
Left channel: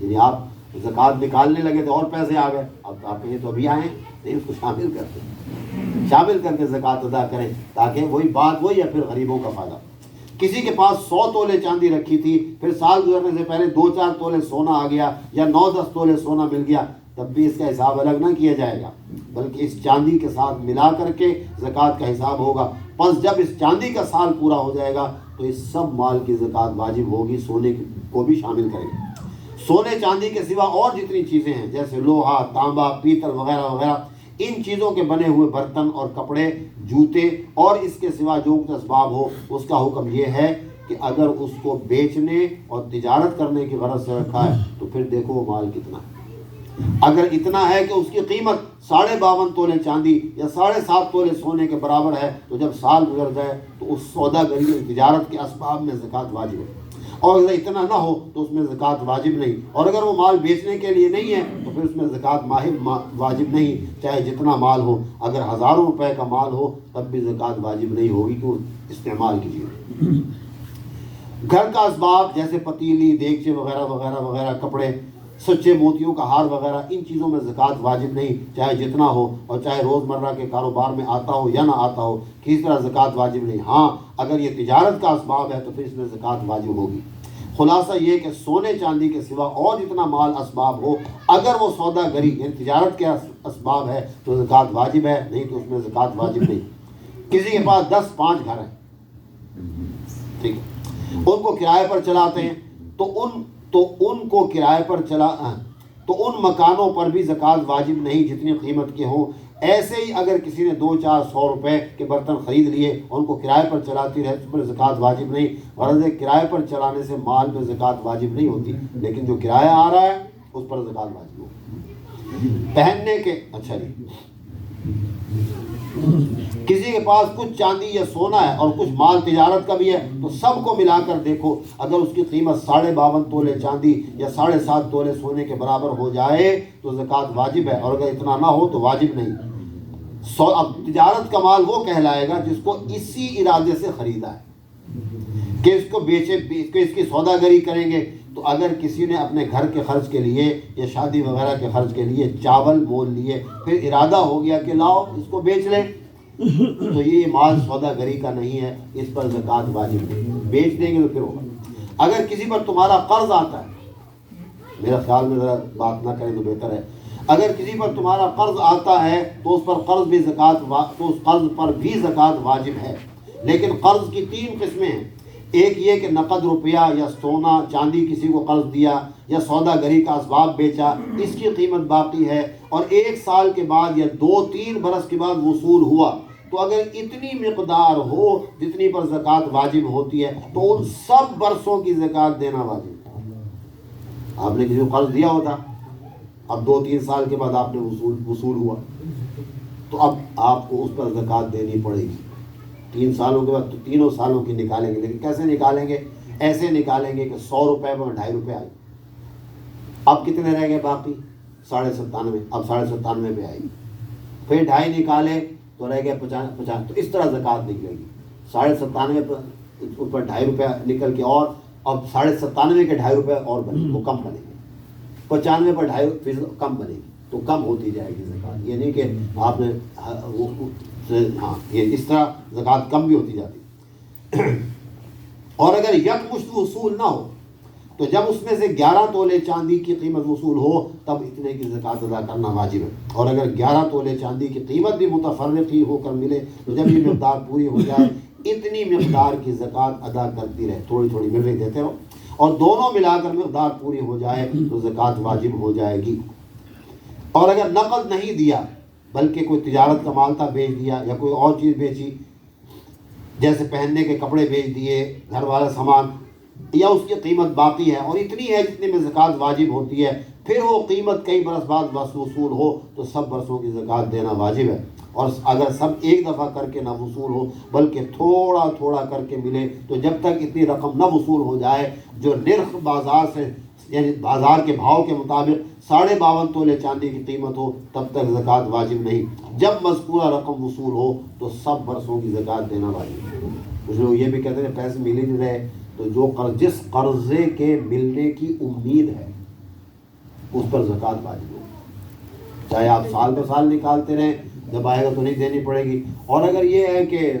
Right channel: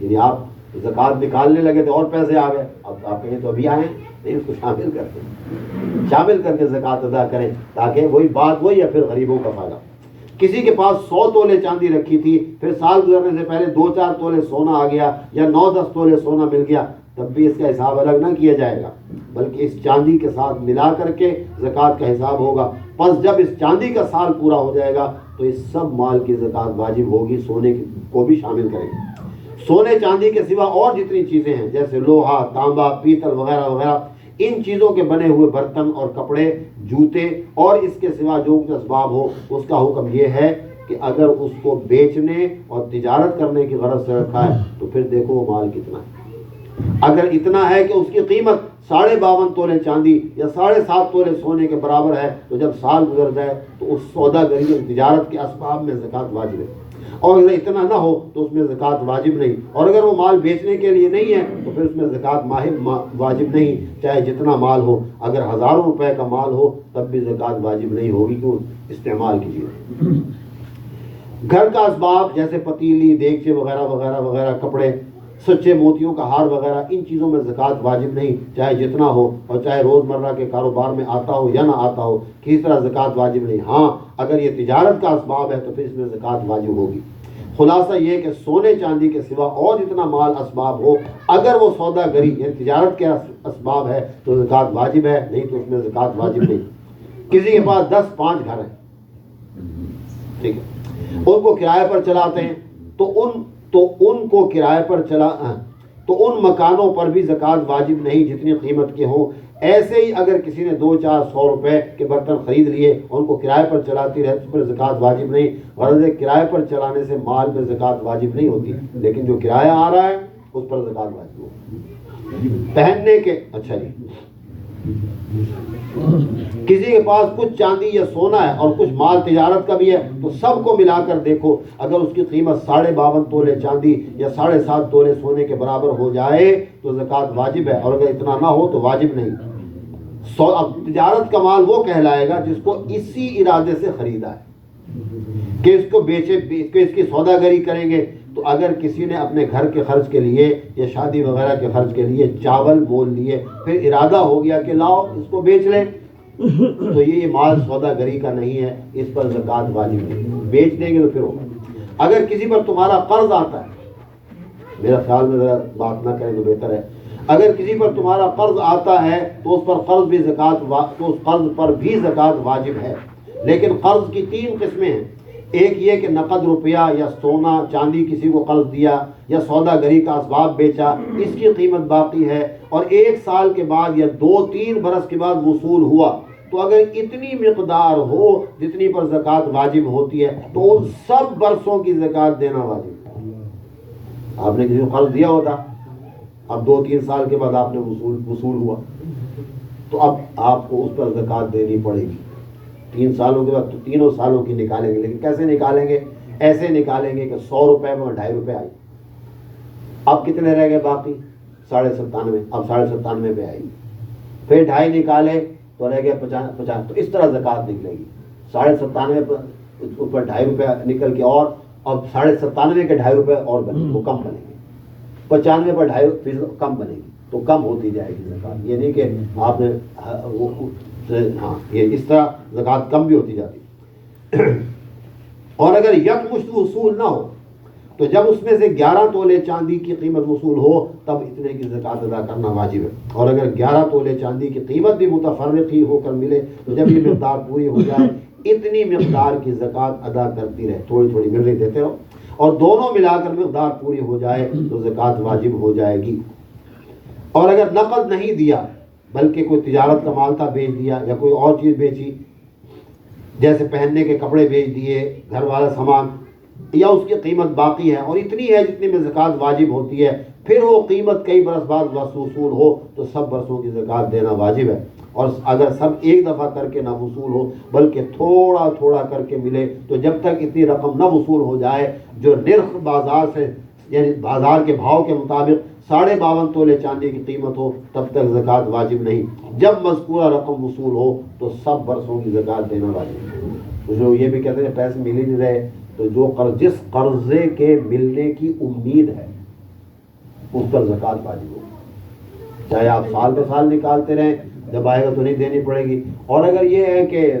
یعنی آپ زکوٰۃ نکالنے لگے تو اور پیسے آ گئے، اب آپ کہیں تو ابھی آئے ہیں، اس کو شامل کر کے زکوٰۃ ادا کریں تاکہ وہی بات وہی ہے، پھر غریبوں کا فائدہ. کسی کے پاس 100 تولے چاندی رکھی تھی، پھر سال گزرنے سے پہلے 2-4 تولے سونا آ گیا یا 9-10 تولے سونا مل گیا، تب بھی اس کا حساب الگ نہ کیا جائے گا بلکہ اس چاندی کے ساتھ ملا کر کے زکوٰۃ کا حساب ہوگا. پس جب اس چاندی کا سال پورا ہو جائے گا تو اس سب مال کی زکوٰۃ واجب ہوگی، سونے کو بھی شامل کریں گے. سونے چاندی کے سوا اور جتنی چیزیں ہیں جیسے لوہا، تانبا، پیتل وغیرہ وغیرہ، ان چیزوں کے بنے ہوئے برتن اور کپڑے، جوتے اور اس کے سوا جو کچھ اسباب ہو، اس کا حکم یہ ہے کہ اگر اس کو بیچنے اور تجارت کرنے کی غرض سے رکھا ہے تو پھر دیکھو وہ مال کتنا ہے. اگر اتنا ہے کہ اس کی قیمت 52.5 تولے چاندی یا 7.5 تولے سونے کے برابر ہے تو جب سال گزر جائے تو اس سودا گری اور تجارت کے اسباب میں زکوٰۃ واجب ہے. اور اگر اتنا نہ ہو تو اس میں زکوٰۃ واجب نہیں. اور اگر وہ مال بیچنے کے لیے نہیں ہے تو پھر اس میں زکوٰۃ واجب نہیں، چاہے جتنا مال ہو. اگر ہزاروں روپے کا مال ہو تب بھی زکوٰۃ واجب نہیں ہوگی، کیوں؟ استعمال کیجیے. گھر کا اسباب جیسے پتیلی، دیگچے وغیرہ وغیرہ وغیرہ، کپڑے، سچے موتیوں کا ہار وغیرہ، ان چیزوں میں زکوٰۃ واجب نہیں، چاہے جتنا ہو اور چاہے روزمرہ کے کاروبار میں آتا ہو یا نہ آتا ہو، کسی طرح زکوٰۃ واجب نہیں۔ ہاں اگر یہ تجارت کا اسباب ہے تو پھر اس میں زکوٰۃ واجب ہوگی۔ خلاصہ یہ کہ سونے چاندی کے سوا اور جتنا مال اسباب ہو، اگر وہ سودا گری یعنی تجارت کے اسباب ہے تو زکوٰۃ واجب ہے، نہیں تو اس میں زکوٰۃ واجب نہیں۔ کسی کے پاس 10-5 گھر ہیں، ٹھیک ہے، ان کو کرائے پر چلاتے ہیں، تو ان کو کرائے پر تو ان مکانوں پر بھی زکوٰۃ واجب نہیں جتنی قیمت کے ہوں۔ ایسے ہی اگر کسی نے 200-400 روپے کے برتن خرید لیے، ان کو کرائے پر چلاتی رہے، اس پر زکوٰۃ واجب نہیں۔ غرض ہے کرائے پر چلانے سے مال میں زکوٰۃ واجب نہیں ہوتی، لیکن جو کرایہ آ رہا ہے اس پر زکوٰۃ واجب ہوتی۔ پہننے کے اچھا جی، کسی کے پاس کچھ چاندی یا سونا ہے اور کچھ مال تجارت کا بھی ہے، تو سب کو ملا کر دیکھو، اگر اس کی قیمت 52.5 تولے چاندی یا 7.5 تولے سونے کے برابر ہو جائے تو زکوٰۃ واجب ہے، اور اگر اتنا نہ ہو تو واجب نہیں۔ اب تجارت کا مال وہ کہلائے گا جس کو اسی ارادے سے خریدا ہے کہ اس کو بیچے، اس کی سودا گری کریں گے۔ تو اگر کسی نے اپنے گھر کے خرچ کے لیے یا شادی وغیرہ کے خرچ کے لیے چاول مول لیے، پھر ارادہ ہو گیا کہ لاؤ اس کو بیچ لیں، تو یہ مال سودا گری کا نہیں ہے، اس پر زکوٰۃ واجب نہیں، بیچ دیں گے تو پھر ہوگا۔ اگر کسی پر تمہارا قرض آتا ہے، میرا خیال میں ذرا بات نہ کریں تو بہتر ہے، اگر کسی پر تمہارا قرض آتا ہے تو اس پر قرض بھی تو اس قرض پر بھی زکوٰۃ واجب ہے۔ لیکن قرض کی 3 قسمیں ہیں، ایک یہ کہ نقد روپیہ یا سونا چاندی کسی کو قرض دیا یا سودا گری کا اسباب بیچا، اس کی قیمت باقی ہے، اور 1 سال کے بعد یا 2-3 برس کے بعد وصول ہوا، تو اگر اتنی مقدار ہو جتنی پر زکوٰۃ واجب ہوتی ہے تو ان سب برسوں کی زکوٰۃ دینا واجب ہے۔ آپ نے کسی کو قرض دیا ہوتا، اب 2-3 سال کے بعد آپ نے وصول ہوا، تو اب آپ کو اس پر زکوٰۃ دینی پڑے گی۔ 3 سالوں کے بعد تو 3 سالوں کی نکالیں گے، لیکن کیسے نکالیں گے؟ ایسے نکالیں گے کہ 100 روپے میں 2.5 روپے آئی، اب کتنے رہ گئے باقی؟ 97.5، اب 97.5 پہ آئی، پھر 2.5 نکالے تو رہ گئے 50، تو اس طرح زکوٰۃ نکلے گی۔ 97.5 پر 2.5 روپے نکل کے، اور اب 97.5 کے 2.5 روپے اور بنے، وہ کم بنے گے، 95 پر 2.5% کم بنے گی، تو کم ہوتی جائے گی زکوٰۃ۔ یہ نہیں کہ آپ نے ہاں، یہ اس طرح زکوٰۃ کم بھی ہوتی جاتی۔ اور اگر یکمشت وصول نہ ہو تو جب اس میں سے 11 تولے چاندی کی قیمت وصول ہو تب اتنے کی زکوٰۃ ادا کرنا واجب ہے، اور اگر 11 تولے چاندی کی قیمت بھی متفرقی ہو کر ملے تو جب یہ مقدار پوری ہو جائے اتنی مقدار کی زکوٰۃ ادا کرتی رہے، تھوڑی تھوڑی مل رہی دیتے رہو، اور دونوں ملا کر مقدار پوری ہو جائے تو زکوٰۃ واجب ہو جائے گی۔ اور اگر نقد نہیں دیا بلکہ کوئی تجارت کا مال تھا بیچ دیا، یا کوئی اور چیز بیچی، جیسے پہننے کے کپڑے بیچ دیے، گھر والا سامان، یا اس کی قیمت باقی ہے اور اتنی ہے جتنے میں زکوٰۃ واجب ہوتی ہے، پھر وہ قیمت کئی برس بعد وصول ہو تو سب برسوں کی زکوٰۃ دینا واجب ہے۔ اور اگر سب ایک دفعہ کر کے نہ وصول ہو بلکہ تھوڑا تھوڑا کر کے ملے، تو جب تک اتنی رقم نہ وصول ہو جائے جو نرخ بازار سے یعنی بازار کے بھاؤ کے مطابق 52.5 تولے چاندی کی قیمت ہو تب تک زکوٰۃ واجب نہیں۔ جب مذکورہ رقم وصول ہو تو سب برسوں کی زکوٰۃ دینا واجب ہے۔ کچھ لوگ یہ بھی کہتے ہیں پیسے مل ہی نہیں رہے، تو جو جس قرضے کے ملنے کی امید ہے اس پر زکوٰۃ واجب ہے، چاہے آپ سال بہ سال نکالتے رہیں، جب آئے گا تو نہیں دینی پڑے گی۔ اور اگر یہ ہے کہ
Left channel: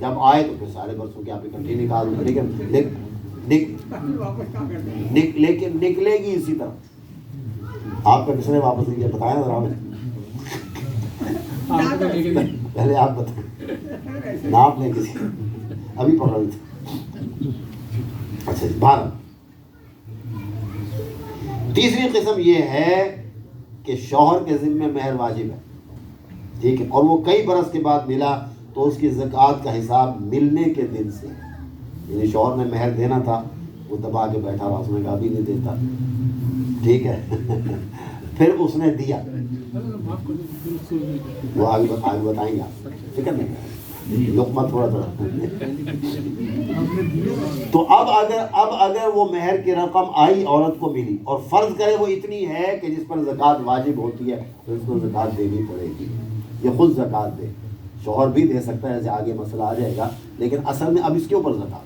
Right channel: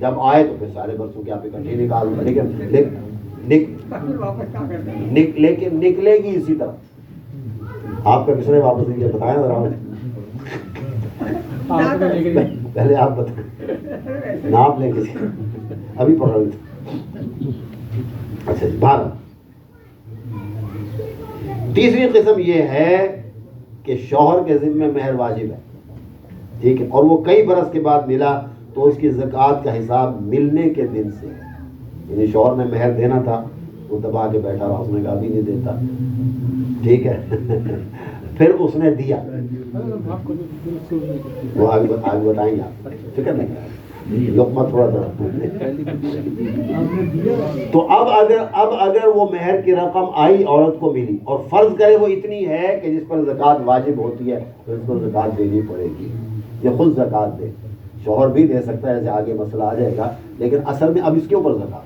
جب آئے تو پھر سارے برسوں کی آپ اکٹھی نکال دیں، لیکن نکلے گی اسی طرح۔ آپ کا کس نے واپس دیا بتایا ذرا مجھے، پہلے آپ بتائیں، ناپ لیں کسی، ابھی پڑھ رہے تھے۔ اچھا جی، 12 تیسری قسم یہ ہے کہ شوہر کے ذمہ مہر واجب ہے، ٹھیک ہے، اور وہ کئی برس کے بعد ملا تو اس کی زکوٰۃ کا حساب ملنے کے دن سے، یعنی شوہر نے مہر دینا تھا، وہ دبا کے بیٹھا رہا، اس نے کہا ابھی نہیں دیتا، ٹھیک ہے، پھر اس نے دیا، وہ آگے بتائیں گے آپ، فکر نہیں کریں، لقمہ تھوڑا تھوڑا۔ تو اب اگر وہ مہر کی رقم آئی عورت کو ملی اور فرض کرے وہ اتنی ہے کہ جس پر زکوٰۃ واجب ہوتی ہے تو اس کو زکوٰۃ دینی پڑے گی، یہ خود زکوٰۃ دے، شوہر بھی دے سکتا ہے، جیسے آگے مسئلہ آ جائے گا، لیکن اصل میں اب اس کے اوپر زکوٰۃ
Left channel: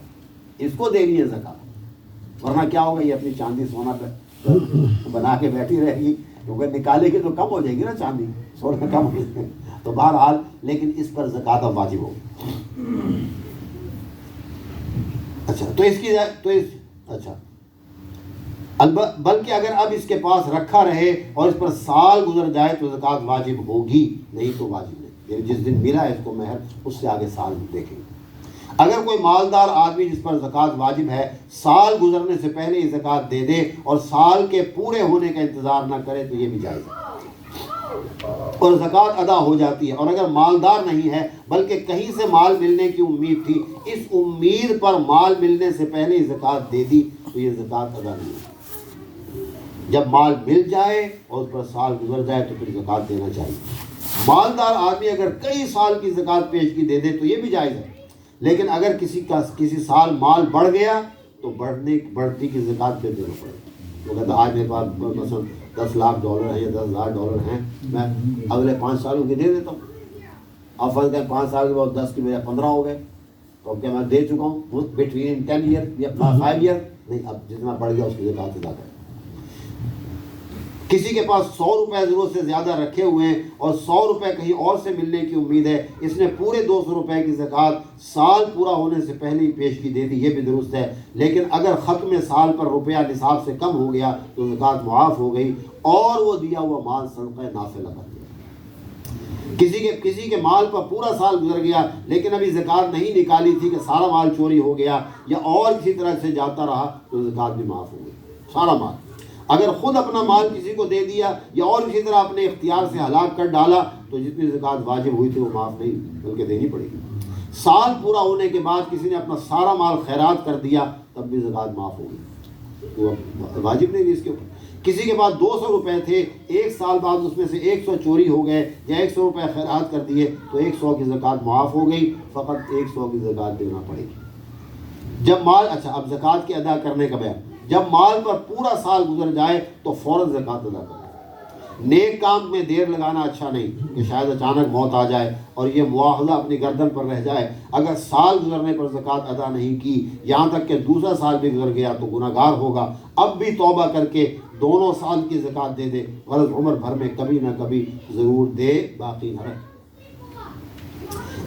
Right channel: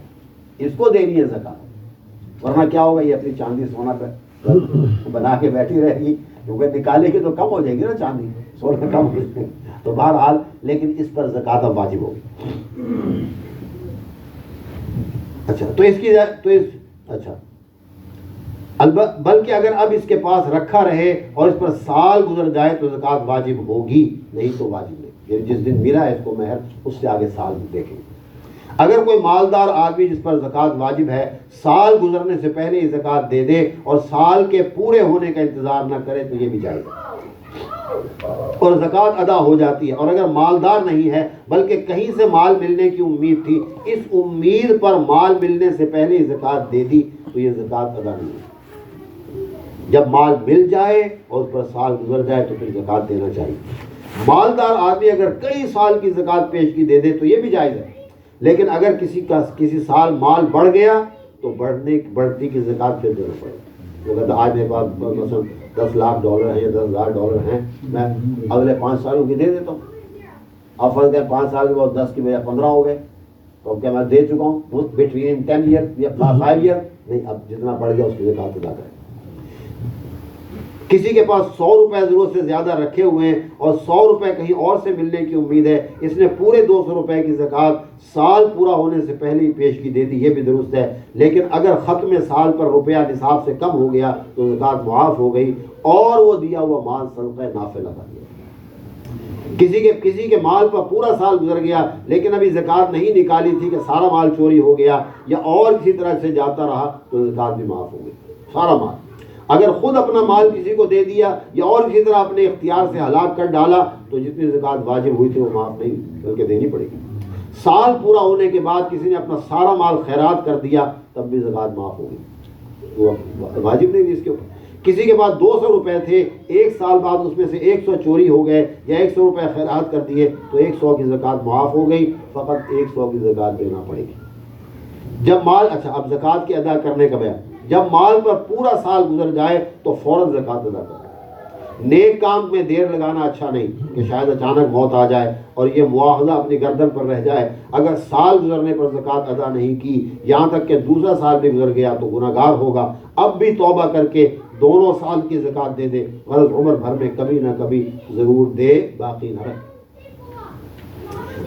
اس کو دینی ہے زکوٰۃ، ورنہ کیا ہوگا، یہ اپنی چاندی سونا پہ بنا کے بیٹھی رہے گی، کیونکہ نکالے گی تو کم ہو جائے گی نا چاندی، سونے کم ہو جائے گی. تو بہرحال لیکن اس پر زکوٰۃ اب واجب ہوگی. اچھا تو اس کی اچھا بلکہ اگر اب اس کے پاس رکھا رہے اور اس پر سال گزر جائے تو زکوٰۃ واجب ہوگی، نہیں تو واجب نہیں. یعنی جس دن ملا ہے اس کو مہر، اس سے آگے سال دیکھیں گے. اگر کوئی مالدار آدمی جس پر زکوٰۃ واجب ہے سال گزرنے سے پہلے ہی زکوٰۃ دے دے اور سال کے پورے ہونے کا انتظار نہ کرے تو یہ بھی جائز ہے اور زکوٰۃ ادا ہو جاتی ہے. اور اگر مالدار نہیں ہے بلکہ کہیں سے مال ملنے کی امید تھی، اس امید پر مال ملنے سے پہلے ہی زکوٰۃ دے دی تو یہ زکوٰۃ ادا نہیں ہے. جب مال مل جائے اور اس پر سال گزر جائے تو پھر زکوٰۃ دینا چاہیے. مالدار آدمی اگر کئی سال کی زکوٰۃ پیشگی دے دے تو یہ بھی جائز ہے، لیکن اگر کسی سال مال بڑھ گیا تو بڑھتی کی زکوٰۃ پہ دینا پڑے. وہ کہتا آج میرے پاس مثلا $10,00,000 ہیں یا $10,000 ہیں، میں اگلے 5 سالوں کی دے دیتا ہوں. اب فرض ہے 5 سال کے بعد 10 کی بجائے 15 ہو گئے، تو اب کیا میں دے چکا ہوں بٹوین 10 ایئر یا 5 ایئر؟ نہیں، اب جتنا بڑھ گیا اس کی زکوٰۃ ادا کریں. کسی کے پاس 100 روپے ضرورت سے زیادہ رکھے ہوئے ہیں اور 100 روپے کہیں اور سے ملنے کی امید ہے، اس نے پورے 200 روپے کی زکوٰۃ سال پورا ہونے سے پہلے ہی پیشگی دے دی، یہ بھی درست ہے. لیکن اگر ختم سال پر روپیہ نصاب سے کم ہو گیا تو زکوٰۃ معاف ہو گئی اور وہ دیا ہوا مال صدقہ نافلہ بن گیا. کسی کے مال پر پورا سال گزر گیا لیکن ابھی زکوٰۃ نہیں نکالی تھی کہ سارا مال چوری ہو گیا یا اور کسی طرح سے جاتا رہا تو زکوٰۃ بھی معاف ہو گئی. سارا مال اگر خود اپنا مال کسی کو دے دیا یا اور کسی طرح اپنے اختیار سے ہلاک کر ڈالا تو جتنی زکوٰۃ واجب ہوئی تھی وہ معاف نہیں بلکہ دینی پڑے گی. سال پورا ہونے کے بعد کسی نے اپنا سارا مال خیرات کر دیا تب بھی زکوٰۃ معاف ہوگی، وہ واجب نہیں تھی اس کے اوپر. کسی کے پاس 200 روپے تھے، 1 سال بعد اس میں سے 100 چوری ہو گئے یا 100 روپے خیرات کر دیے تو 100 کی زکوٰۃ معاف ہو گئی، فقط 100 کی زکوٰۃ دینا پڑے گی. جب مال اب زکوٰۃ کے ادا کرنے کا بیان، جب مال پر پورا سال گزر جائے تو فوراً زکوٰۃ ادا کریں. نیک کام میں دیر لگانا اچھا نہیں کہ شاید اچانک موت آ جائے اور یہ مواخذہ اپنی گردن پر رہ جائے. اگر سال گزرنے پر زکوٰۃ ادا نہیں کی، یہاں تک کہ دوسرا سال بھی گزر گیا تو گناہگار ہوگا. اب بھی توبہ کر کے دونوں سال کی زکوٰۃ دے دے، غرض عمر بھر میں کبھی نہ کبھی ضرور دے، باقی نہ رکھے.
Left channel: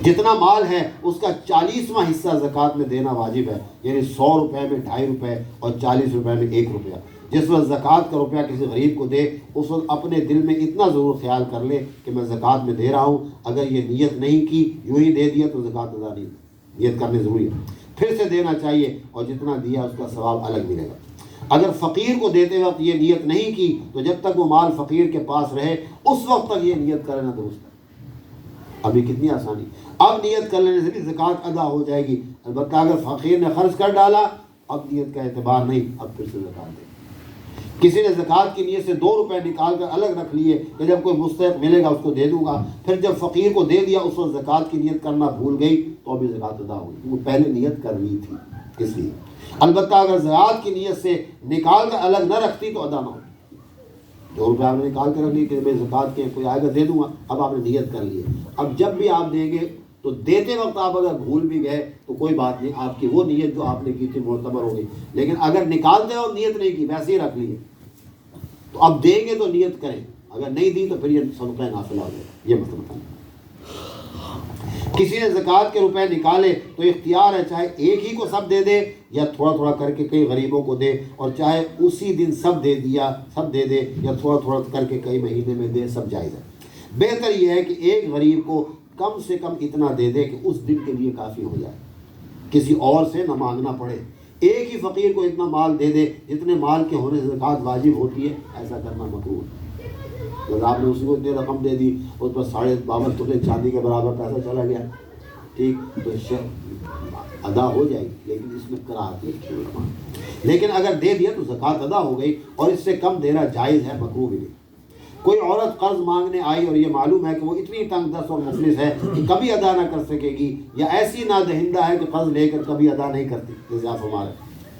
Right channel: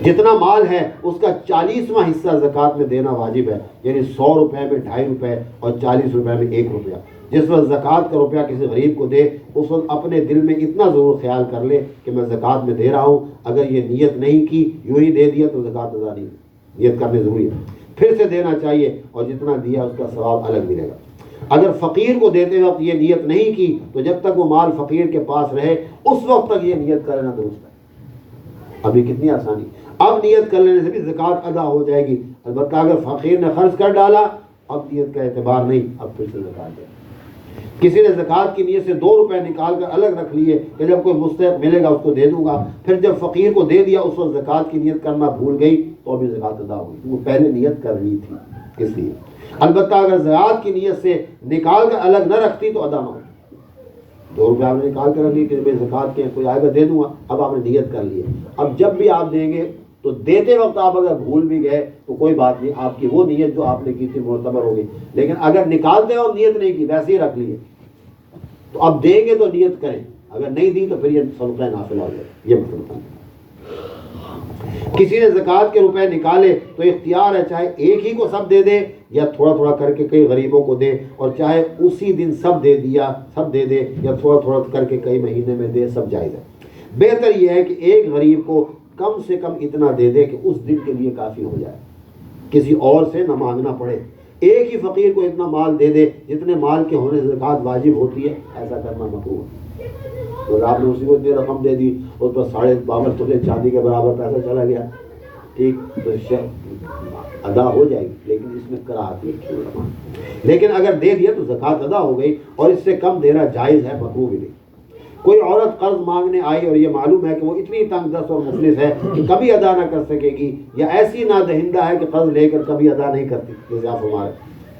جتنا مال ہے اس کا 40واں حصہ زکوٰۃ میں دینا واجب ہے. یعنی 100 روپے میں 2.5 روپے اور 40 روپے میں 1 روپیہ. جس وقت زکوٰۃ کا روپیہ کسی غریب کو دے اس وقت اپنے دل میں اتنا ضرور خیال کر لے کہ میں زکوٰۃ میں دے رہا ہوں. اگر یہ نیت نہیں کی، یوں ہی دے دیا تو زکوٰۃ ادا نہیں. نیت کرنے ضروری ہے، پھر سے دینا چاہیے اور جتنا دیا اس کا ثواب الگ ملے گا. اگر فقیر کو دیتے وقت یہ نیت نہیں کی تو جب تک وہ مال فقیر کے پاس رہے اس وقت تک یہ نیت کرنا درست ہے. ابھی کتنی آسانی. اب نیت کر لینے سے بھی زکوٰۃ ادا ہو جائے گی. البتہ اگر فقیر نے خرچ کر ڈالا اب نیت کا اعتبار نہیں، اب پھر سے زکوٰۃ دے. کسی نے زکوٰۃ کی نیت سے 2 روپے نکال کر الگ رکھ لیے کہ جب کوئی مستحق ملے گا اس کو دے دوں گا، پھر جب فقیر کو دے دیا اس وقت زکوٰۃ کی نیت کرنا بھول گئی تو ابھی زکوٰۃ ادا ہوگی. وہ پہلے نیت کر لی تھی اس لیے. البتہ اگر زکوٰۃ کی نیت سے نکال کر الگ نہ رکھتی تو ادا نہ ہو. 2 روپے آپ نے نکال کے رکھ لی کہ میں زکوٰۃ کے کوئی آئے گا دے دوں گا، اب آپ نے نیت کر لی ہے. اب جب بھی آپ دیں گے تو دیتے وقت آپ اگر بھول بھی گئے تو کوئی بات نہیں، آپ کی وہ نیت جو آپ نے کی تھی معتبر ہو گئی. لیکن اگر نکالتے وقت نیت نہیں کی، ویسے ہی رکھ لیے، تو اب دیں گے تو نیت کریں، اگر نہیں دی تو پھر یہ صدقہ نافلہ ہو جائے. یہ مطلب ہے. کسی نے زکوٰۃ کے روپے نکالے تو اختیار ہے، چاہے ایک ہی کو سب دے دے یا تھوڑا تھوڑا کر کے کئی غریبوں کو دے، اور چاہے اسی دن سب دے دے یا تھوڑا تھوڑا کر کے کئی مہینے میں دے، سب جائز ہے. بہتر یہ ہے کہ ایک غریب کو کم سے کم اتنا دے دے کہ اس دن کے لیے کافی ہو جائے، کسی اور سے نہ مانگنا پڑے. ایک ہی فقیر کو اتنا مال دے دے جتنے مال کے ہونے سے زکوٰۃ واجب ہوتی ہے، ایسا کرنا مکروہ ہے. تو آپ نے اسی کو اتنی رقم دے دی، اس پر 52.5 تولے چاندی کے برابر پیسہ چلا گیا، ٹھیک تو ادا ہو جائے گی، لیکن اس میں کراہت نہیں. لیکن اگر دے دیا تو زکوٰۃ ادا ہو گئی، اور اس سے کم دینا جائز ہے، مکروہ بھی نہیں. کوئی عورت قرض مانگنے آئی اور یہ معلوم ہے کہ وہ اتنی تنگ دست اور مفلس ہے کہ کبھی ادا نہ کر سکے گی، یا ایسی نادہندہ ہے کہ قرض لے کر کبھی ادا نہیں کرتی، جیسے آپ ہمارے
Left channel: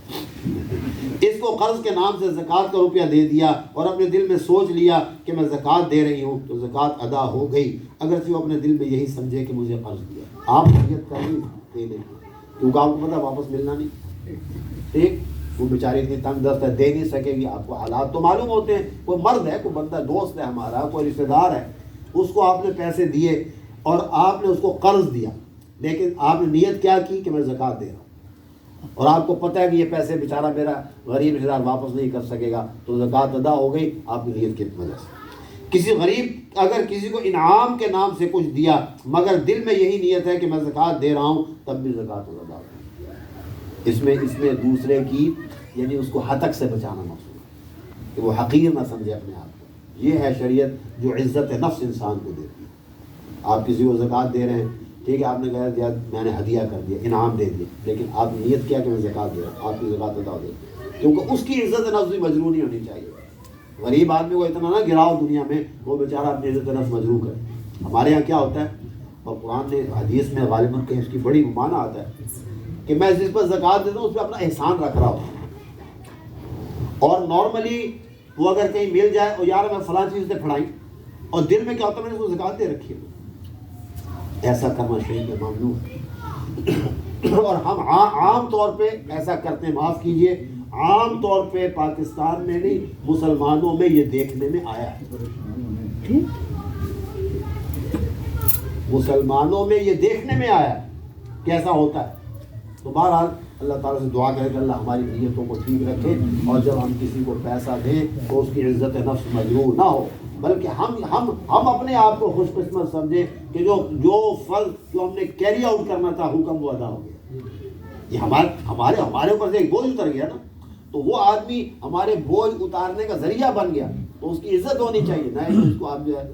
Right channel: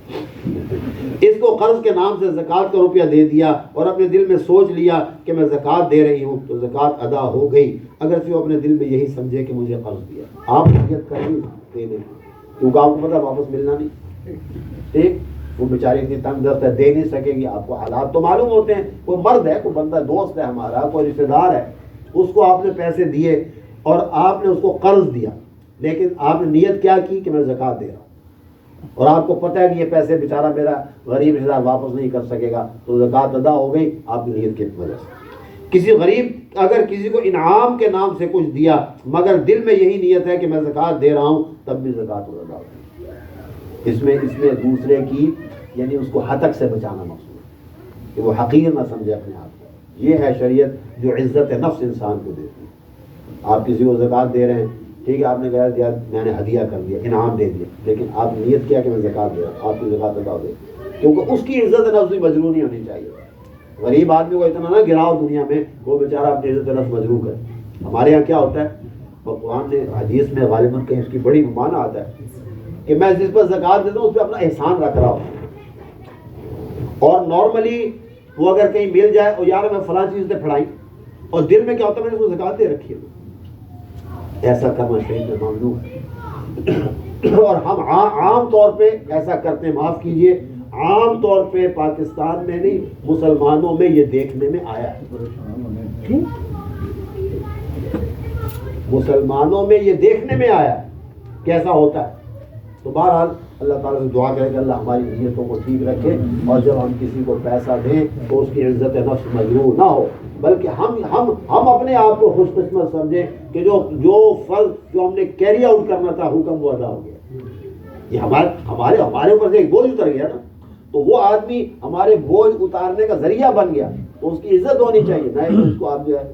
اس کو قرض کے نام سے زکوٰۃ کا روپیہ دے دیا اور اپنے دل میں سوچ لیا کہ میں زکوٰۃ دے رہی ہوں تو زکوٰۃ ادا ہو گئی، اگرچہ وہ اپنے دل میں یہی سمجھے کہ مجھے قرض دیا. آپ نیت کریں دے دیں، کیونکہ آپ کو پتہ واپس ملنا نہیں. ٹھیک، وہ بیچاری اتنی تنگ دست ہے، دے نہیں سکے گی. آپ کو حالات تو معلوم ہوتے ہیں. کوئی مرد ہے، کوئی بندہ دوست ہے ہمارا، کوئی رشتے دار ہے، اس کو آپ نے پیسے دیے اور آپ نے اس کو قرض دیا، لیکن آپ نے نیت کیا کی کہ میں زکوٰۃ دے رہا ہوں، اور آپ کو پتہ ہے کہ یہ پیسے بیچارہ میرا غریب رشتے دار واپس نہیں کر سکے گا، تو زکوٰۃ ادا ہو گئی آپ کی نیت کی وجہ سے. کسی غریب اگر کسی کو انعام کے نام سے کچھ دیا مگر دل میں یہی نیت ہے کہ میں زکوٰۃ دے رہا ہوں، تب بھی زکوٰۃ ادا ہوگی. اس میں دوسرے کی یعنی اس کو ہتک سے بچانا مقصود ہے کہ وہ حقیر نہ سمجھے اپنے آپ کو. یہ ہے شریعت جو عزت نفس انسان کو دیتی ہے. آپ کسی کو زکوٰۃ دے رہے ہیں، ٹھیک ہے، آپ نے کہا میں نے ہدیہ کر دیا، انعام دے دیا، لیکن آپ نے نیت کیا کہ میں زکوٰۃ دے رہا ہوں، آپ کی زکوٰۃ ادا ہو گئی، کیونکہ اس کی عزت نفس بھی مجروح نہیں ہونی چاہیے. غریب آدمی کو اتنا نہ گراؤ دنیا میں وہ بیچارہ اپنی عزت نفس مجروح ہے. ہمارے یہاں کیا ہوتا ہے، قرآن نے حدیث میں غالباً کہیں اس کی بڑی معنی آتا ہے کہ میں جس پر زکوٰۃ دیتا ہوں اس پہ اپنا احسان رکھ رہا ہوں. اور نارملی وہ اگر کہیں مل جائے اور یار میں فلاں چیز سے پھڑائی، اور دل میں کیا ہوتا ہے میں نے اس کو زکوٰۃ دے رکھی ہے، ایسا کرنا شریعت میں ممنوع ہے. اور ہم عام طور پہ ایسا کرتے ہیں، معاف کیجئے، عام طور پہ پاکستان میں نہیں مسلمانوں میں یہ دیکھنے میں آیا ہے، مسلمانوں میں یہ دیکھنے میں آیا کیسا ہوتا ہے. تو بہرحال اللہ تعالیٰ سے دعا کرے کہ اللہ ہماری نیتوں کو ٹھیک رکھے، اور جب ہم کسی کو پیسہ دیں تو اس کی عزت نفس مجروح نہ ہو، بلکہ ہم اپنے آپ کو خوش قسمت سمجھیں کہ جو فرض جو ہم نے کیری آؤٹ کرنا تھا حکم وہ ادا ہو گیا. یہ ہمارے اوپر سے ایک بوجھ اتر گیا نا، تو وہ آدمی ہمارے بوجھ اتارنے کا ذریعہ بن گیا، تو اس کی عزت ہونی چاہیے، نہ کہ اس کو آپ جو ہے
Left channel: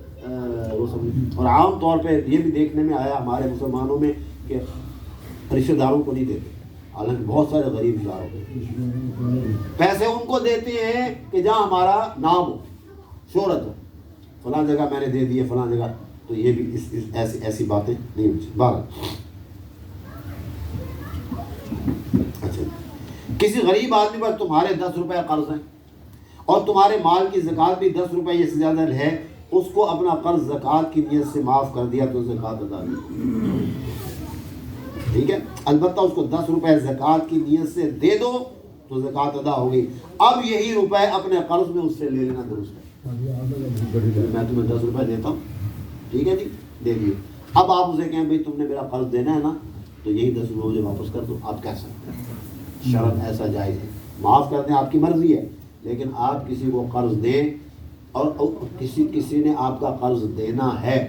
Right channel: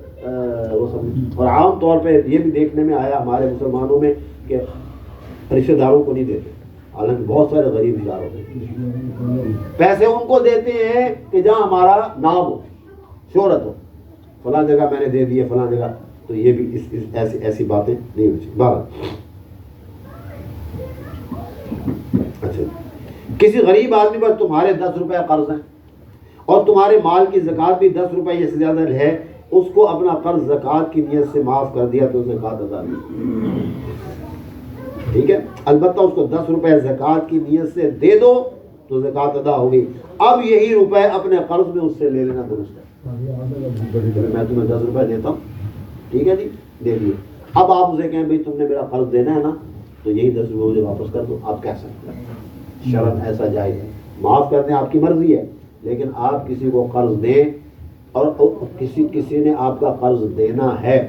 وہ سمجھ. اور عام طور پہ یہ بھی دیکھنے میں آیا ہمارے مسلمانوں میں کہ رشتہ داروں کو نہیں دیتے، حالانکہ بہت سارے غریب رشتہ دار ہوتے ہیں، پیسے ان کو دیتے ہیں کہ جہاں ہمارا نام ہو، شہرت ہو، فلاں جگہ میں نے دے دیے فلاں جگہ. تو یہ بھی ایسی باتیں نہیں ہونی چاہیے. بارہ اچھا، کسی غریب آدمی پر تمہارے 10 روپے قرض ہیں اور تمہارے مال کی زکوٰۃ بھی 10 روپے یا سے زیادہ ہے، اس کو اپنا قرض زکوٰۃ کی نیت سے معاف کر دیا تو زکوٰۃ ادا نہیں. ٹھیک ہے، البتہ اس کو 10 روپے زکوٰۃ کی نیت سے دے دو تو زکوٰۃ ادا ہو گئی. اب یہی روپے اپنے قرض میں اس سے لے لینا درست ہے. میں تمہیں 10 روپے دیتا ہوں، ٹھیک ہے جی، دے دیے. اب آپ اسے کہیں بھائی تم نے میرا قرض دینا ہے نا، تو یہی 10 روپے مجھے واپس کر دو. آپ کہہ سکتے ہیں، شرم ایسا جائز ہے، معاف کر دیں، آپ کی مرضی ہے. لیکن آپ کسی کو قرض دیں اور کسی نے آپ کا قرض دینا ہے،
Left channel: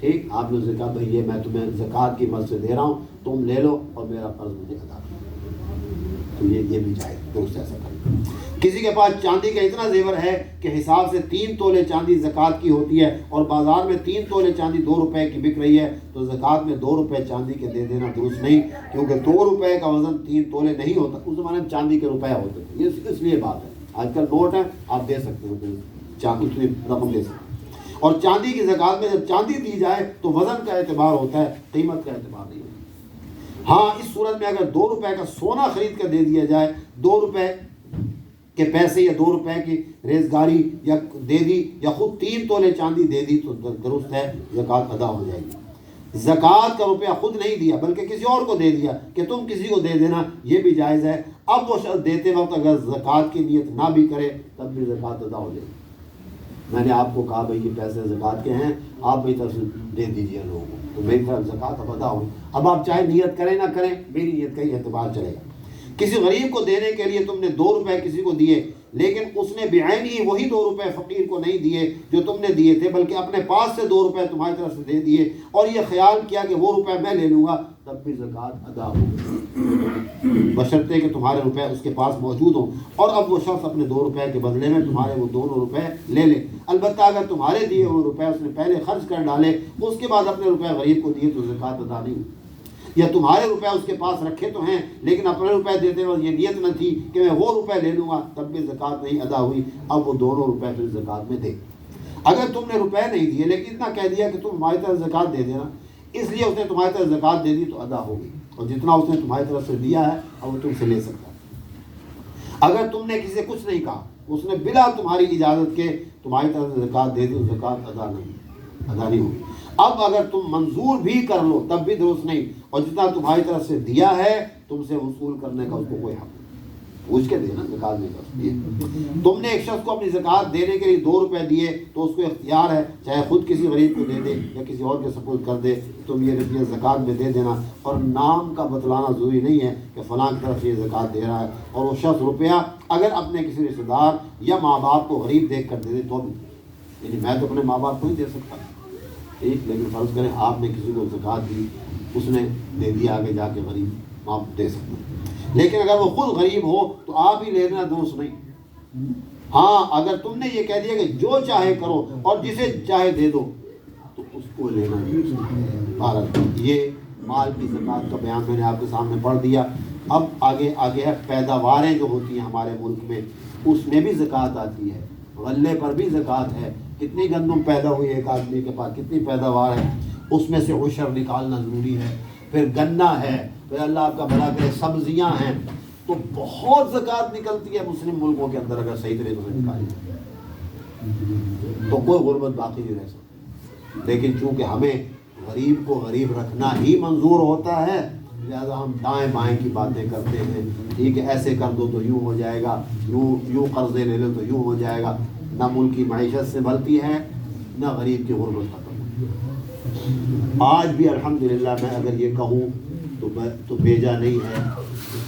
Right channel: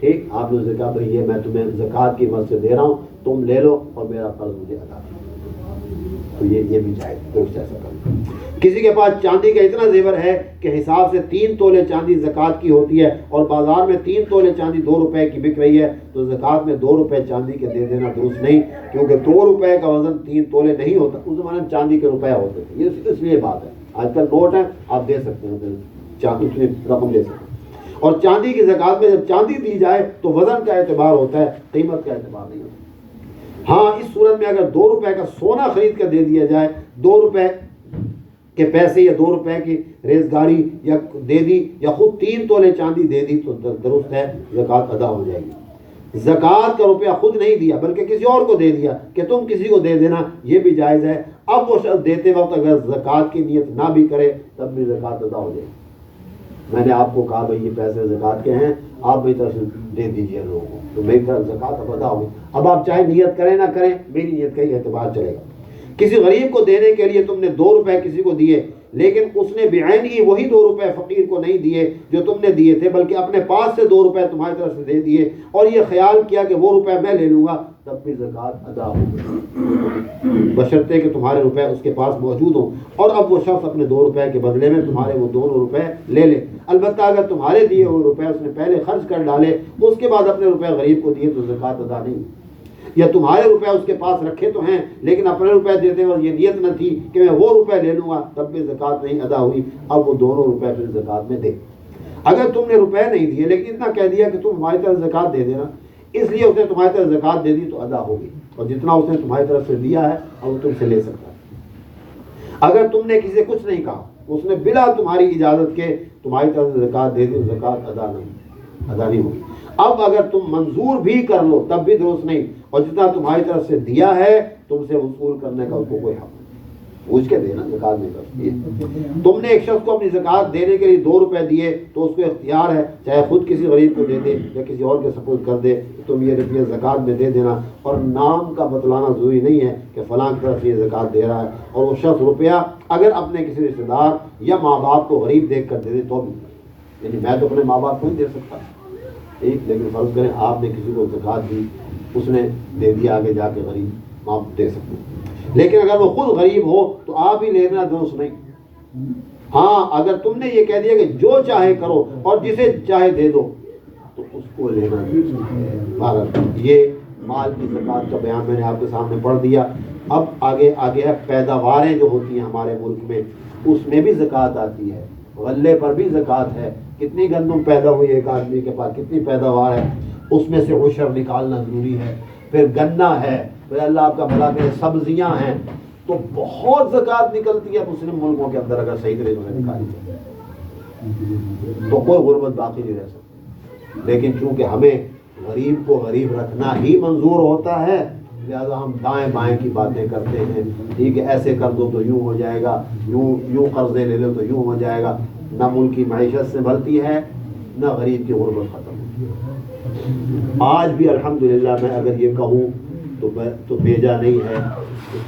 ٹھیک، آپ نے اسے کہا بھائی یہ میں تمہیں زکوٰۃ کی مدد سے دے رہا ہوں، تم لے لو اور میرا قرض مجھے ادا کرو، تو یہ بھی جائز، درست ایسا کرو. کسی کے پاس چاندی کا اتنا زیور ہے کہ حساب سے 3 تولے چاندی زکوٰۃ کی ہوتی ہے اور بازار میں 3 تولے چاندی 2 روپے کی بک رہی ہے، تو زکوٰۃ میں 2 روپے چاندی کے دے دینا درست نہیں، کیونکہ 2 روپے کا وزن 3 تولے نہیں ہوتا. اس زمانے میں چاندی کے روپے ہوتے تھے، یہ اس لیے بات ہے. آج کل نوٹ ہے، آپ دے سکتے ہیں، اتنی رقم دے سکتے ہیں. اور چاندی کی زکوٰۃ میں جب چاندی دی جائے تو وزن کا اعتبار ہوتا ہے، قیمت کا اعتبار نہیں ہوتا. ہاں، اس صورت میں اگر 2 روپے کا سونا خرید کر دے دیا جائے، 2 روپے کے پیسے یا 2 روپے کی ریزگاری یا دے دی، یا خود 3 تولے چاندی دے دی، تو درست ہے، زکوٰۃ ادا ہو جائے گی. زکوٰۃ کا روپیہ خود نہیں دیا بلکہ کسی اور کو دے دیا کہ تم کسی کو دے دینا، یہ بھی جائز ہے. اب وہ شخص دیتے وقت اگر زکوٰۃ کی نیت نہ بھی کرے تب بھی زکوٰۃ ادا ہو جائے گی. میں نے آپ کو کہا بھائی یہ پیسے زکوٰۃ کے ہیں، آپ بھی طرف سے دے دیجیے لوگوں کو، تو میری طرف زکوٰۃ اب ادا ہوگی. اب آپ چاہے نیت کریں نہ کریں، میری نیت کا ہی اعتبار چلے گا. کسی غریب کو دینے کے لیے تم نے 2 روپے کسی کو دیے، لیکن اس نے بعین ہی وہی 2 روپے فقیر کو نہیں دیے جو تم نے دیے تھے، بلکہ اپنے پاس سے 2 روپے تمہاری طرف سے دے دیے، اور یہ خیال کیا کہ وہ روپے میں لے لوں گا، تب بھی زکوٰۃ ادا ہوگی، بشرطے کہ تمہارے روپے اس کے پاس موجود ہوں. اور اب وہ شخص اپنے 2 روپے کے بدلے میں تمہارے وہ 2 روپے لے لے. البتہ اگر تمہارے دیے ہوئے روپے اس نے پہلے خرچ کر ڈالے، اس کے بعد اپنے روپے غریب کو دیے، تو زکوٰۃ ادا نہیں. یا تمہارے روپے اس کے پاس رکھے تو ہیں لیکن اپنے روپے دیتے وقت یہ نیت نہ تھی کہ میں وہ روپے لے لوں گا، تب بھی زکوٰۃ نہیں ادا ہوئی. اب وہ دونوں روپے پھر زکوٰۃ میں دے. اگر تم نے روپے نہیں دیے لیکن اتنا کہہ دیا کہ تم ہماری طرف زکوٰۃ دے دینا، اس لیے اس نے تمہاری طرف زکوٰۃ دے دی، تو ادا ہوگی، اور جتنا اس نے تمہاری طرف سے دیا ہے اور وہ تم سے لے سکتا. اگر تم نے کسی سے کچھ نہیں کہا، اس نے بلا تمہاری اجازت کے تمہاری طرف سے زکوٰۃ دے دی، زکوٰۃ ادا نہیں ہوگی. اب اگر تم منظور بھی کر لو تب بھی درست نہیں، اور جتنا تمہاری طرف سے دیا ہے تم سے وصول کرنے کا اس کو کوئی حق نہیں. پوچھ کے دینا، زکات نہیں کرتی۔ تم نے ایک شخص کو اپنی زکات دینے کے لیے 2 روپے دیے تو اس کو اختیار ہے، چاہے خود کسی غریب کو دے دے یا کسی اور کے سپورٹ کر دے، تم یہ روپیہ زکات میں دے دینا، اور نام کا بتلانا ضروری نہیں ہے کہ فلاں کی طرف یہ زکات دے رہا ہے، اور وہ شخص روپیہ اگر اپنے کسی رشتے دار یا ماں باپ کو غریب دیکھ کر دے دے تو بھی، یعنی میں تو اپنے ماں باپ کو نہیں دے سکتا ٹھیک، لیکن فرض کریں آپ نے کسی کو زکات دی، اس نے دے دیا، آگے جا کے غریب آپ دے سکتے ہیں، لیکن اگر وہ خود غریب ہو تو آپ ہی لینا درست نہیں۔ ہاں اگر تم نے یہ کہہ دیا کہ جو چاہے کرو اور جسے چاہے دے دو تو اس کو لینا درست۔ یہ مال کی زکات کا بیان میں نے آپ کے سامنے پڑھ دیا۔ اب آگے ہے پیداواریں جو ہوتی ہیں ہمارے ملک میں، اس میں بھی زکات آتی ہے، غلے پر بھی زکات ہے، کتنی گندم پیدا ہوئی ایک آدمی کے پاس، کتنی پیداوار ہے، اس میں سے عشر نکالنا ضروری ہے۔ پھر گنا ہے، پھر اللہ آپ کا بھلا کرے سبزیاں ہیں، تو بہت زکات نکلتی ہے مسلم ملکوں کے اندر اگر صحیح طریقے سے نکالی جائے تو کوئی غربت باقی نہیں رہ سکتی۔ لیکن چونکہ ہمیں غریب کو غریب رکھنا ہی منظور ہوتا ہے، لہذا ہم دائیں بائیں کی باتیں کرتے ہیں، ٹھیک ہے ایسے کر دو تو یوں ہو جائے گا، یوں قرضے لے لو تو یوں ہو جائے گا، نہ ملک کی معیشت سے بھرتی ہے نہ غریب کی غربت ختم۔ آج بھی الحمدللہ میں اگر یہ کہوں تو بیجا نہیں ہے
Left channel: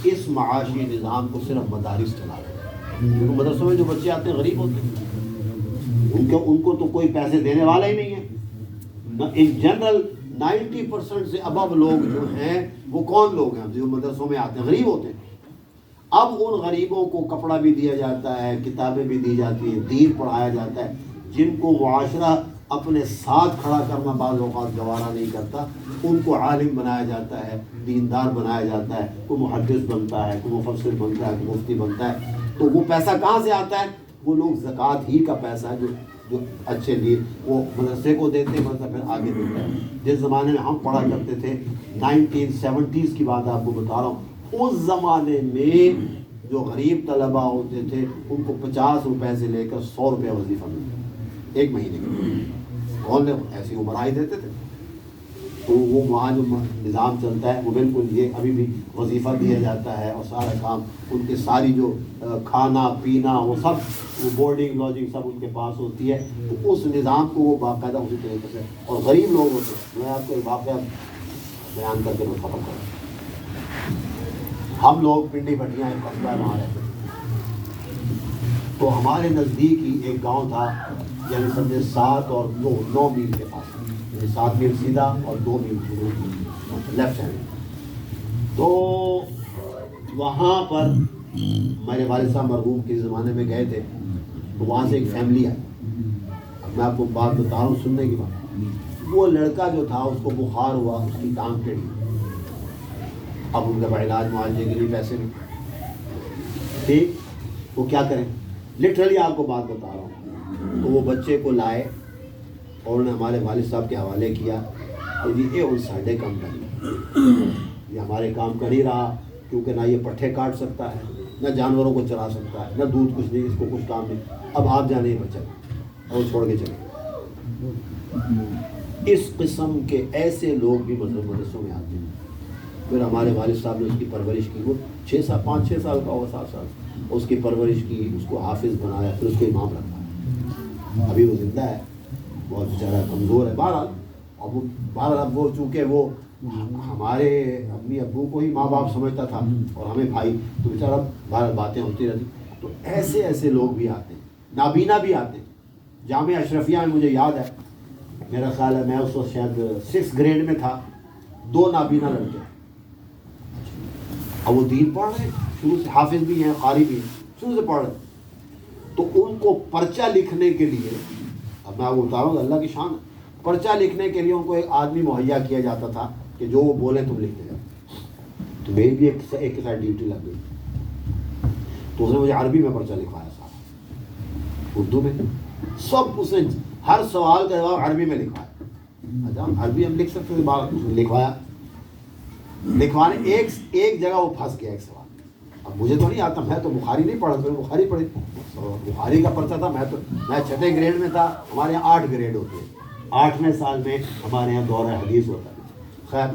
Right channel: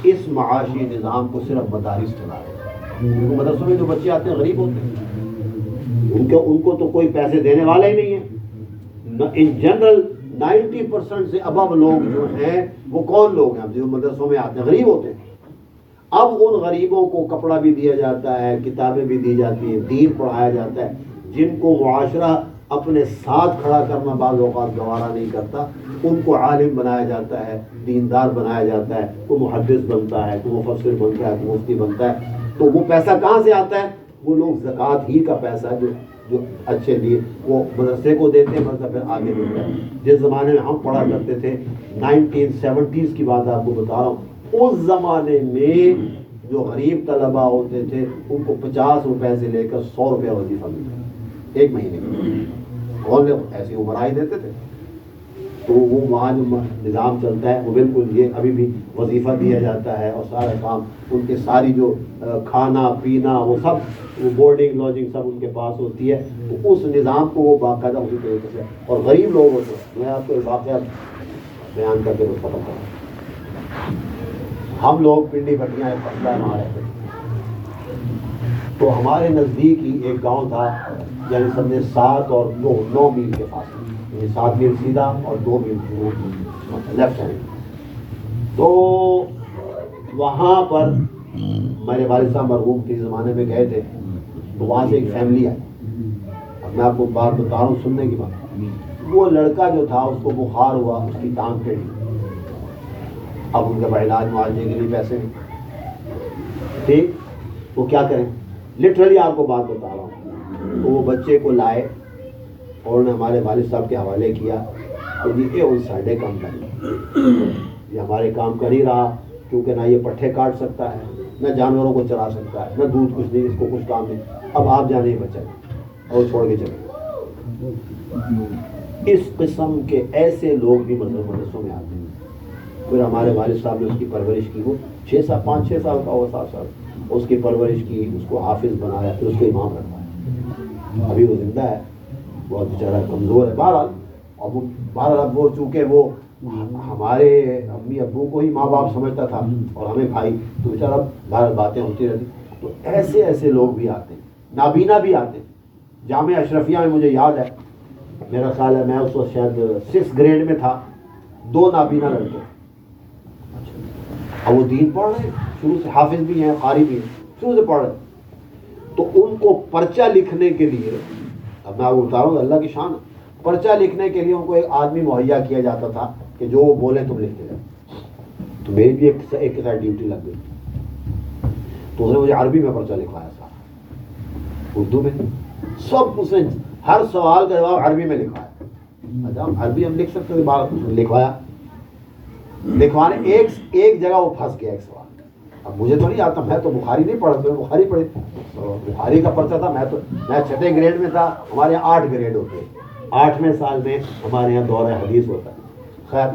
کہ اس معاشی نظام کو صرف مدارس چلا رہے ہیں، کیونکہ مدرسوں میں جو بچے آتے ہیں غریب ہوتے ہیں، ان کو تو کوئی پیسے دینے والا ہی نہیں ہے۔ ان جنرل 90% سے ابو لوگ جو ہیں وہ کون لوگ ہیں جو مدرسوں میں آتے ہیں؟ غریب ہوتے ہیں۔ اب ان غریبوں کو کپڑا بھی دیا جاتا ہے، کتابیں بھی دی جاتی ہیں، دین پڑھایا جاتا ہے، جن کو معاشرہ اپنے ساتھ کھڑا کرنا بعض اوقات گوارا نہیں کرتا، ان کو عالم بنایا جاتا ہے، دیندار بنایا جاتا ہے، کوئی محدث بنتا ہے، کوئی مفسر بنتا ہے، کوئی مفتی بنتا ہے، تو وہ پیسہ کہاں سے آتا ہے؟ وہ لوگ زکوٰۃ ہی کا پیسہ جو اچھے لیے وہ مدرسے کو دیتے ہیں، مدرسہ پھر آگے دیتا ہے۔ جس زمانے میں ہم پڑھا کرتے تھے 1970s کی بات آپ کو بتا رہا ہوں، اس زمانے میں جو غریب طلبہ ہوتے تھے ان کو 50 روپے سے لے کر 100 روپے وظیفہ ملتا ایک مہینے کا، اور ایسی عمرائی دیتے تھے۔ تو وہ وہاں جو نظام چلتا ہے وہ بالکل یہ ابھی بھی وظیفہ دیا جاتا ہے، اور سارا کام ان کے ساری جو کھانا پینا وہ سب بورڈنگ لاجنگ سب ان کے پاس ہوتی ہے، تو اس نظام کو وہ باقاعدہ اسی طریقے سے، اور غریب لوگ ہوتے ہیں۔ میں آپ کو ایک واقعہ بیان کر کے وہ ختم کروں۔ ہم لوگ پنڈی بٹیاں پٹنہ میں رہتے تھے، تو ہمارے نزدیک ہی ایک گاؤں تھا، یعنی سمجھے 7 اور 9 میل کے پاس، 7 میل سیدھا اور 2 میل لیفٹ سائڈ۔ تو وہاں پر میرے والد صاحب مرحوم کے زمانے میں گئے تھے، تو وہاں سے ایک فیملی آئی۔ اب میں آپ کو بات بتا رہا ہوں سننے کی بات۔ وہ لڑکا جو تھا اس کو بخار ہوا، اس کی ٹانگ ٹیڑھی، اب ان کا علاج معالجے کے لیے پیسے نہیں، ٹھیک، وہ کیا کریں؟ لٹرلی آپ کو بات بتا رہا ہوں، تو وہ بچے کو لائے اور انہوں نے ہمارے والد صاحب کے حوالے کیا کہ جی یہ ان ساڈے کام کر، یہ ہمارے کام کر ہی رہا، کیونکہ نہ یہ پٹھے کاٹ سکتا ہے، نہ جانوروں کو چرا سکتا ہے، نہ دودھ کچھ نہیں، اس کو کچھ کام نہیں، اب آپ جانے بچہ اور چھوڑ کے چلے۔ اس قسم کے ایسے لوگ بھی مدرسوں میں آتے ہیں۔ پھر ہمارے والد صاحب نے اس کی پرورش کی، وہ 5-6 سال کا ہوا، 7 سال، اس کی پرورش کی، اس کو حافظ بنایا، پھر اس کو امام رکھا۔ ابھی وہ زندہ ہے، بہت بیچارہ کمزور ہے، بہرحال وہ چونکہ وہ ہمارے امی ابو کو ہی ماں باپ سمجھتا تھا اور ہمیں بھائی، تو بیچارہ بہرحال باتیں ہوتی رہتی۔ تو ایسے لوگ بھی آتے ہیں، نابینا بھی آتے ہیں۔ جامعہ اشرفیہ میں مجھے یاد ہے، میرا خیال ہے میں اس وقت شاید 6 گریڈ میں تھا، 2 نابینا لڑکے، اب وہ دین پڑھ رہے ہیں، شروع سے حافظ بھی ہیں، قاری بھی ہیں، شروع سے پڑھ رہے ہیں۔ تو ان کو پرچہ لکھنے کے لیے، اب میں آپ کو بتا رہا ہوں اللہ کی شان، پرچہ لکھنے کے لیے ان کو ایک آدمی مہیا کیا جاتا تھا کہ جو وہ بولیں تم لکھتے جاؤ۔ تو میری بھی ایک کے ساتھ ڈیوٹی لگ گئی، تو اس نے مجھے عربی میں پرچہ لکھوایا تھا، اردو میں سب، اس نے ہر سوال کا جواب عربی میں لکھوایا۔ عربی ہم لکھ سکتے تھے، لکھوایا، لکھوانے ایک جگہ وہ پھنس گیا ایک سوال۔ اب مجھے تو نہیں آتا، میں تو بخاری نہیں پڑھا، تو بخاری پڑھی، تو بخاری کا پرچہ تھا، میں 6 گریڈ میں تھا، ہمارے یہاں 8 گریڈ ہوتے ہیں، 8ویں سال میں ہمارے یہاں دور حدیث ہوتا ہے۔ خیر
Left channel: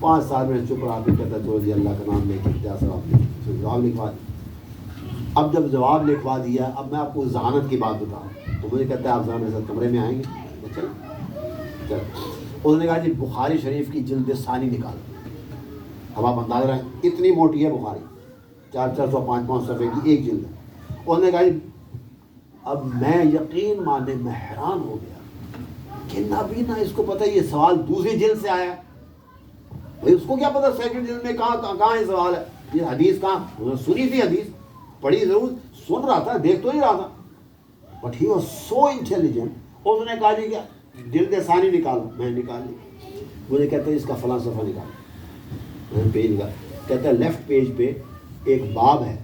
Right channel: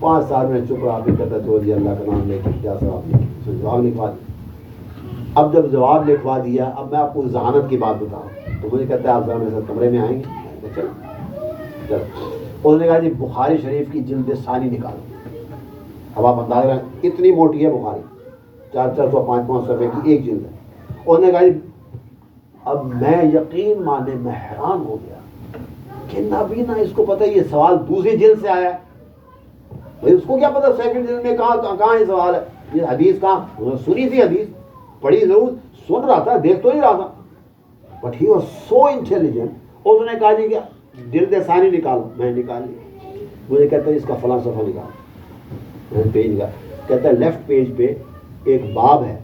5 سال میں چپ رہا، بھی کہتا چلو جی اللہ کا نام لے کے جا صاحب جواب لکھوا دی۔ اب جب جواب لکھوا دیا، اب میں آپ کو ذہانت کی بات بتاؤں تو مجھے کہتا ہے آپ ذرا میرے ساتھ کمرے میں آئیں گے؟ چل اس نے کہا جی بخاری شریف کی جلد ثانی نکالو. اب آپ اندازہ رہیں اتنی موٹی ہے بخاری، 400 500 صفحے کی ایک جلد ہے. اس نے کہا جی اب میں یقین مانے میں حیران ہو گیا کہ نابینا اس کو پتہ یہ سوال دوسری جلد سے آیا ہے. بھائی اس کو کیا پتہ سیکنڈ جلد میں کہاں یہ سوال ہے، یہ حدیث کہاں سنی تھی، حدیث پڑھی ضرور، سن رہا تھا، دیکھ تو نہیں رہا تھا. But he was so intelligent. اس نے کہا جی کیا جلد ثانی نکالو. میں نکال لی. مجھے کہتا ہے اس کا فلاں صفحہ نکالو. میں نے پیج نکالا. کہتا ہے لیفٹ پیج پہ ایک باب ہے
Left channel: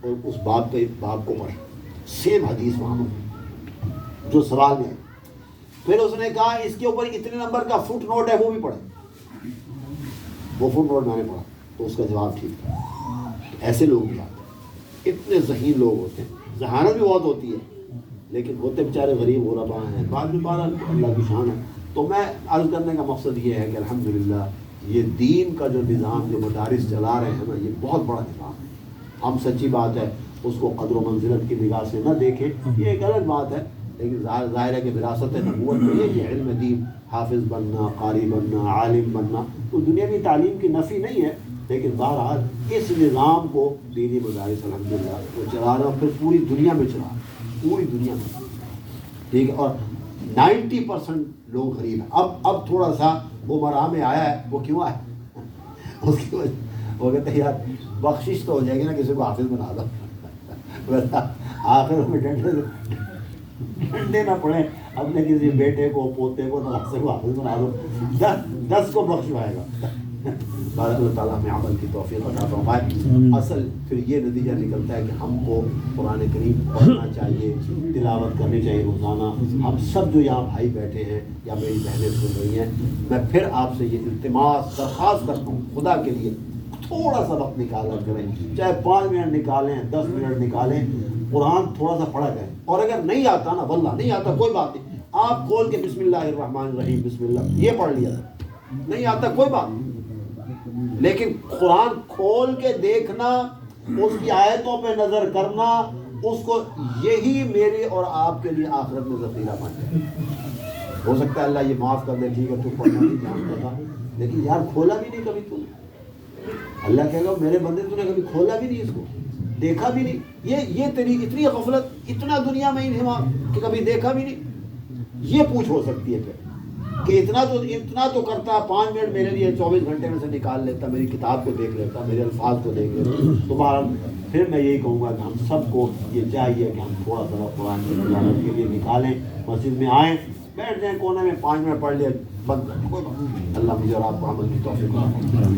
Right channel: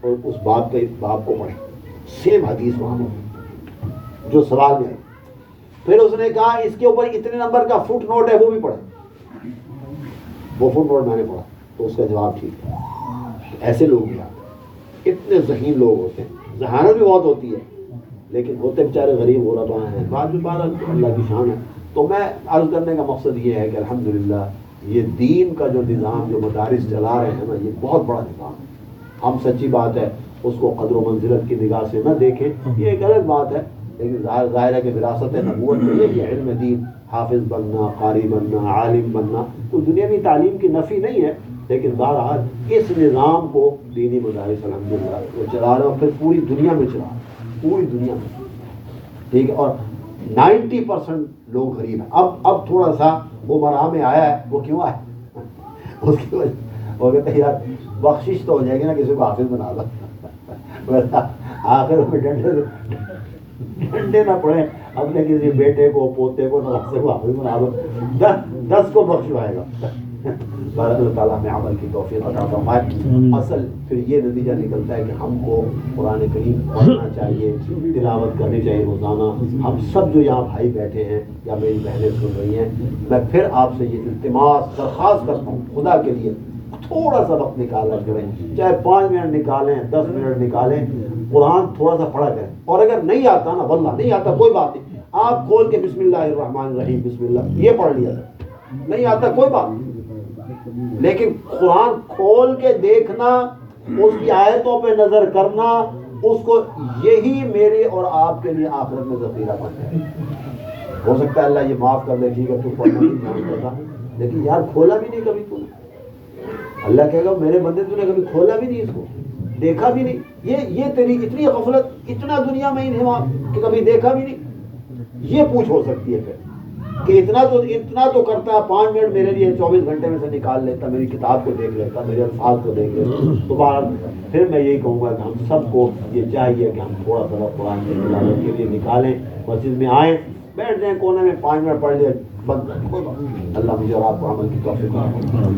اور اس باب پہ باب کو پڑھیں، سیم حدیث وہاں جو سوال میں ہے. پھر اس نے کہا اس کے اوپر اتنے نمبر کا فٹ نوٹ ہے وہ بھی پڑھیں. وہ فٹ نوٹ میں نے پڑھا تو اس کا جواب ٹھیک تھا. ایسے لوگ بھی آتے ہیں، اتنے ذہین لوگ ہوتے ہیں. ذہانت بھی بہت ہوتی ہے لیکن ہوتے بیچارے غریب غربا ہیں. بعد میں بارہ اللہ کی شان ہے. تو میں عرض کرنے کا مقصد یہ ہے کہ الحمدللہ یہ دین کا جو نظام جو مدارس چلا رہے ہیں نا، یہ بہت بڑا نظام ہے. ہم سچی بات ہے اس کو قدر و منزلت کی نگاہ سے نہ دیکھیں، یہ ایک الگ بات ہے. لیکن ظاہر ہے کہ وراثت نبوت میں یہ کہ علم دین، حافظ بننا، قاری بننا، عالم بننا کوئی دنیاوی تعلیم کی نفی نہیں ہے. لیکن بہرحال اس نظام کو دینی مدارس الحمدللہ وہ چلا رہے ہیں، اور پھر پوری دنیا میں چلا رہے ہیں، پوری دنیا میں. ٹھیک ہے. اور 90% لوگ غریب ہیں. اب تھوڑا سا وہ مرحلہ میں آیا ہے. وہ کیوں آیا؟ اس کی وجہ وہ کہتے ہیں یار بخشش تو ہو جائے گی نا، کسی کو حافظ بنا دو. آخر میں ڈنڈے نہ پڑے، اپنے کسی بیٹے کو پوتے کو نواسے کو حافظ بنا دو، 10 کو بخشوائے گا. بارک اللہ تعالیٰ میں عمل کی توفیق عطا فرمائے. اصل پھر یہ نتیجہ نکلتا ہے کہ ہم کو قرآن کریم پڑھنا چاہیے، تلاوت کرنی چاہیے روزانہ. ہم سب جو یہاں بھائی بیٹھے ہیں یا میری بہنیں سن رہی ہیں، میں پھر آپ سے یہ التماس درخواست کرتا ہوں خدا کے لیے تھوڑا سا وقت نکالا کریں، چاہے 5 منٹ نکالیں، 10 منٹ نکالیں، قرآن تھوڑا سا پڑھا کریں. اور اگر نہیں آتا نا، واللہ نہیں آتا کوئی بات نہیں، آپ کھول کے بسم اللہ الرحمن الرحیم بسم اللہ یہ پڑھ لیا. نہیں آتا کوئی بات نہیں، لیکن قرآن کھول کے دیکھنا، اس کی آیتوں پہ نظر کرنا، اس کو یہی میرے اور آپ کے لیے آخرت میں ذخیرہ بنتا ہے. ہو سکتا ہے اللہ یہ معاف کر دے، ٹھیک ہے تو پڑھنا نہیں جانتا، لیکن یار کھولا بھی نہیں کبھی تو. اللہ کہے گا میرے بندے تو نے کبھی کھولا بھی نہیں، اس کو دیکھا بھی نہیں. یہ تیری اتنی غفلت، اتنا دنیا میں انہمام کہ کبھی دیکھا بھی نہیں. یہ پوچھ ہو سکتی ہے پھر کہ اتنا تو کرتا ہے، 5 منٹ میرے لیے 24 گھنٹے میں سے نکال لیتا، میری کتاب کو دیکھ لیتا، میرے الفاظ کو دیکھ لیتا. دوبارہ پھر میں یہی کہوں گا کہ ہم سب کو یہ چاہیے کہ ہم تھوڑا تھوڑا قرآن کی تلاوت کے لیے نکالیں، مسجد میں آئیں، بیٹھ جائیں کونے میں، 5 منٹ پڑھ لیں، بند کر دیں. اللہ مجھے اور آپ کو عمل کی توفیق عطا فرمائے.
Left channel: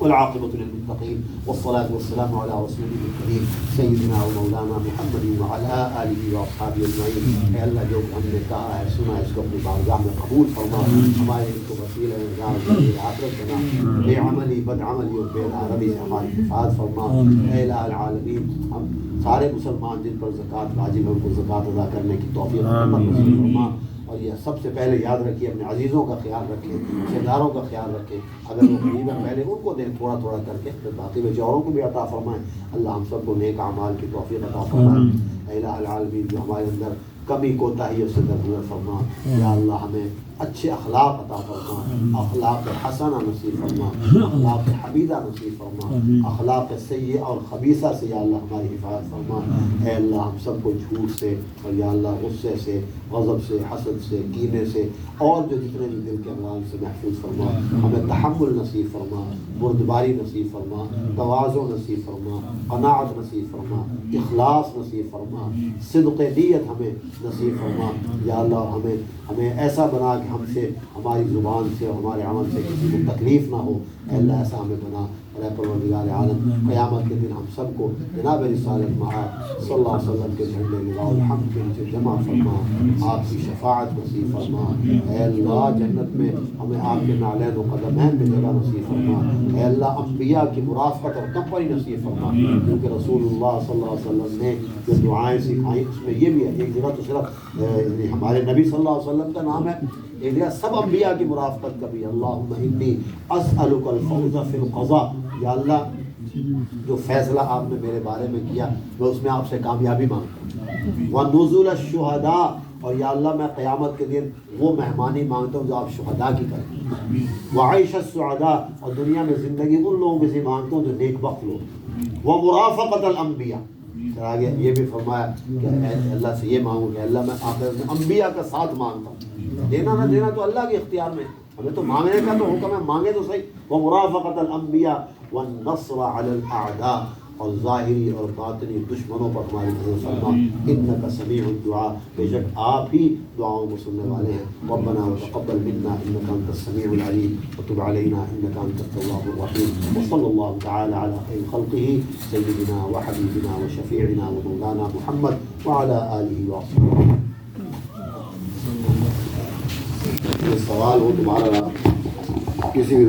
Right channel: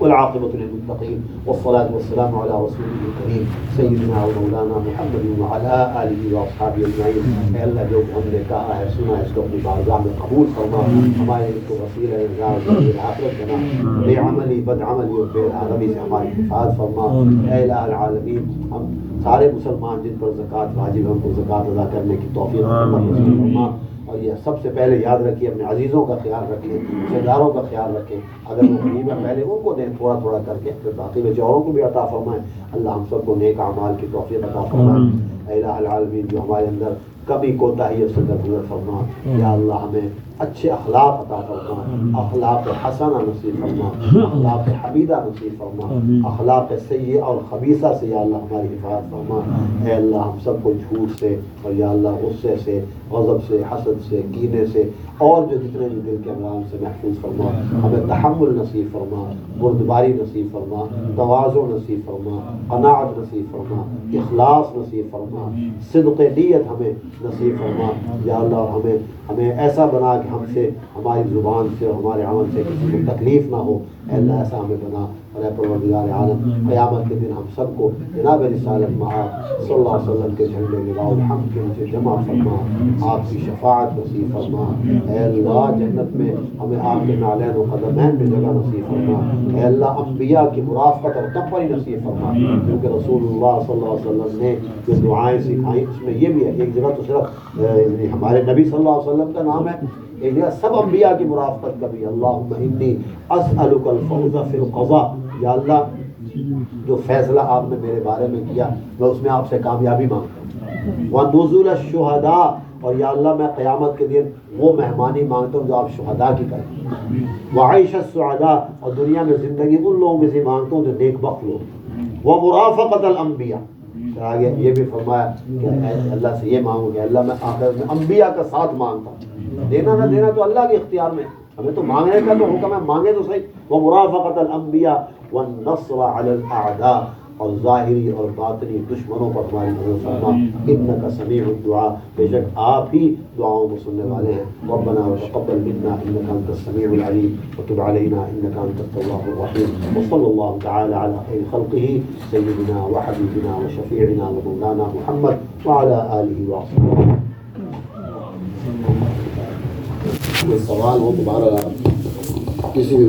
والعاقبة للمتقين والصلاة والسلام على رسوله الكريم سيدنا ومولانا محمد وعلى آله وأصحابه أجمعين. اے اللہ جو ہم نے کہا ہے سنا ہے اس کو اپنی بارگاہ میں قبول فرما، ہمارے کو وسیلہ نجات آخرت بنا، بے عملی بد عملی اور بے عربی سے ہماری حفاظت فرما. اے الہ العالمین ہم سارے مسلمان جن پر زکوٰۃ واجب ہے ان کو زکوٰۃ ادا کرنے کی توفیق فرما. اور یہ سب سے پہلے یاد رکھیے اپنے عزیزوں کا خیال رکھیں، رشتہ داروں کا خیال رکھیں. اگر وہ غریب ہیں پہلے ان کو دیں تھوڑا تھوڑا کر کے، پھر باقی بیچاروں کو بھی عطا فرمائیں. اللہ ہم سب کو نیک اعمال کی توفیق عطا فرمائے. اے الہ العالمین جو ہمارے اندر کمی کوتاہی سے درگزر فرما. یا اللہ ہمیں اچھے اخلاق عطا فرما، اخلاق حسنہ نصیب فرما، اخلاق حمیدہ نصیب فرما، اخلاق سیئہ اور خبیثہ سے یا اللہ ہماری حفاظت فرما. اے اللہ ہم سب کو جھوٹ سے اور یا اللہ غصے سے، غضب سے، حسد سے، کینے سے اور جو جتنے بھی دل کے امراض سے محفوظ فرما. ہمیں تحمل نصیب فرما، بردباری نصیب فرما، تواضع نصیب فرما، قناعت نصیب فرما، اخلاص نصیب فرما، صدق نیت ہمیں نصیب فرما. یا اللہ ہمیں ایسا بنا کہ ہم سے، ہماری زبان سے اور ہمارے عمل سے کسی کو تکلیف نہ ہو. اے اللہ ایسا ہمیں بنا. اور اے پروردگار عالم قیامت کے دن ہم سب کو جناب رسالت مآب صلی اللہ علیہ وسلم کے جھنڈے لگاؤ الحمد کے نیچے جمع فرما، آپ کی شفاعت نصیب فرما. اے اللہ جنت میں ہمیں آپ کے نالین و قدمین میں جگہ نصیب فرما. اے اللہ انبیاء کی مرافقت اور کمپنی نصیب فرما، کیونکہ رسول اللہ صلی اللہ علیہ وسلم نے جو دعائیں سکھائیں اس میں یہ بھی ہے. ایک جگہ تو صرف ہمارے نبی صلی اللہ علیہ وسلم کا نام ہے، ایک جگہ سب انبیاء کی مرافقت کا بھی. اللہم انی اسألک الفوز فی القضاء. یا اللہ جو فیصلہ آپ نے میرے بارے میں کیا میں اس میں آپ سے کامیابی مانگتا ہوں. وَنُزُلَ الشُّهَدَاء، اور یا اللہ میں قیامت کے دن وہ مہمانی مانگتا ہوں جو آپ شہداء کی کریں. وَعَيْشَ السُّعَدَاء، اور دنیا میں زندگی ان لوگوں کے سے مانگتا ہوں جو نیک بخت لوگ. وَمُرَافَقَةَ الْأَنْبِيَاء، پھر آگے یہ بھی فرمایا کہ اے اللہ سے یہ مانگو کہ اللہ میں آخرت میں انبیاء کا ساتھ مانگتا ہوں. دینا نہ دینا تو اللہ کے اختیار میں، ہمیں تو مانگنے کا تو حکم ہے، مانگے تو صحیح. وَمُرَافَقَةَ الْأَنْبِيَاء وَالنَّصْرَ عَلَى الْأَعْدَاء، اور ظاہری اور باطنی دشمنوں پر ہماری مدد فرما. انک سمیع الدعاء، بے شک آپ ہی دعاؤں کو سننے والے ہیں. ربنا وتقبل منا انک انت السمیع العلیم وتب علینا انک انت التواب الرحیم. وصلی اللہ تعالی علی خیر خلقہ سیدنا وحبیبنا وشفیعنا ومولانا محمد وعلی آلہ وصحبہ. یہ سوال ہو دوبارہ کسی بھی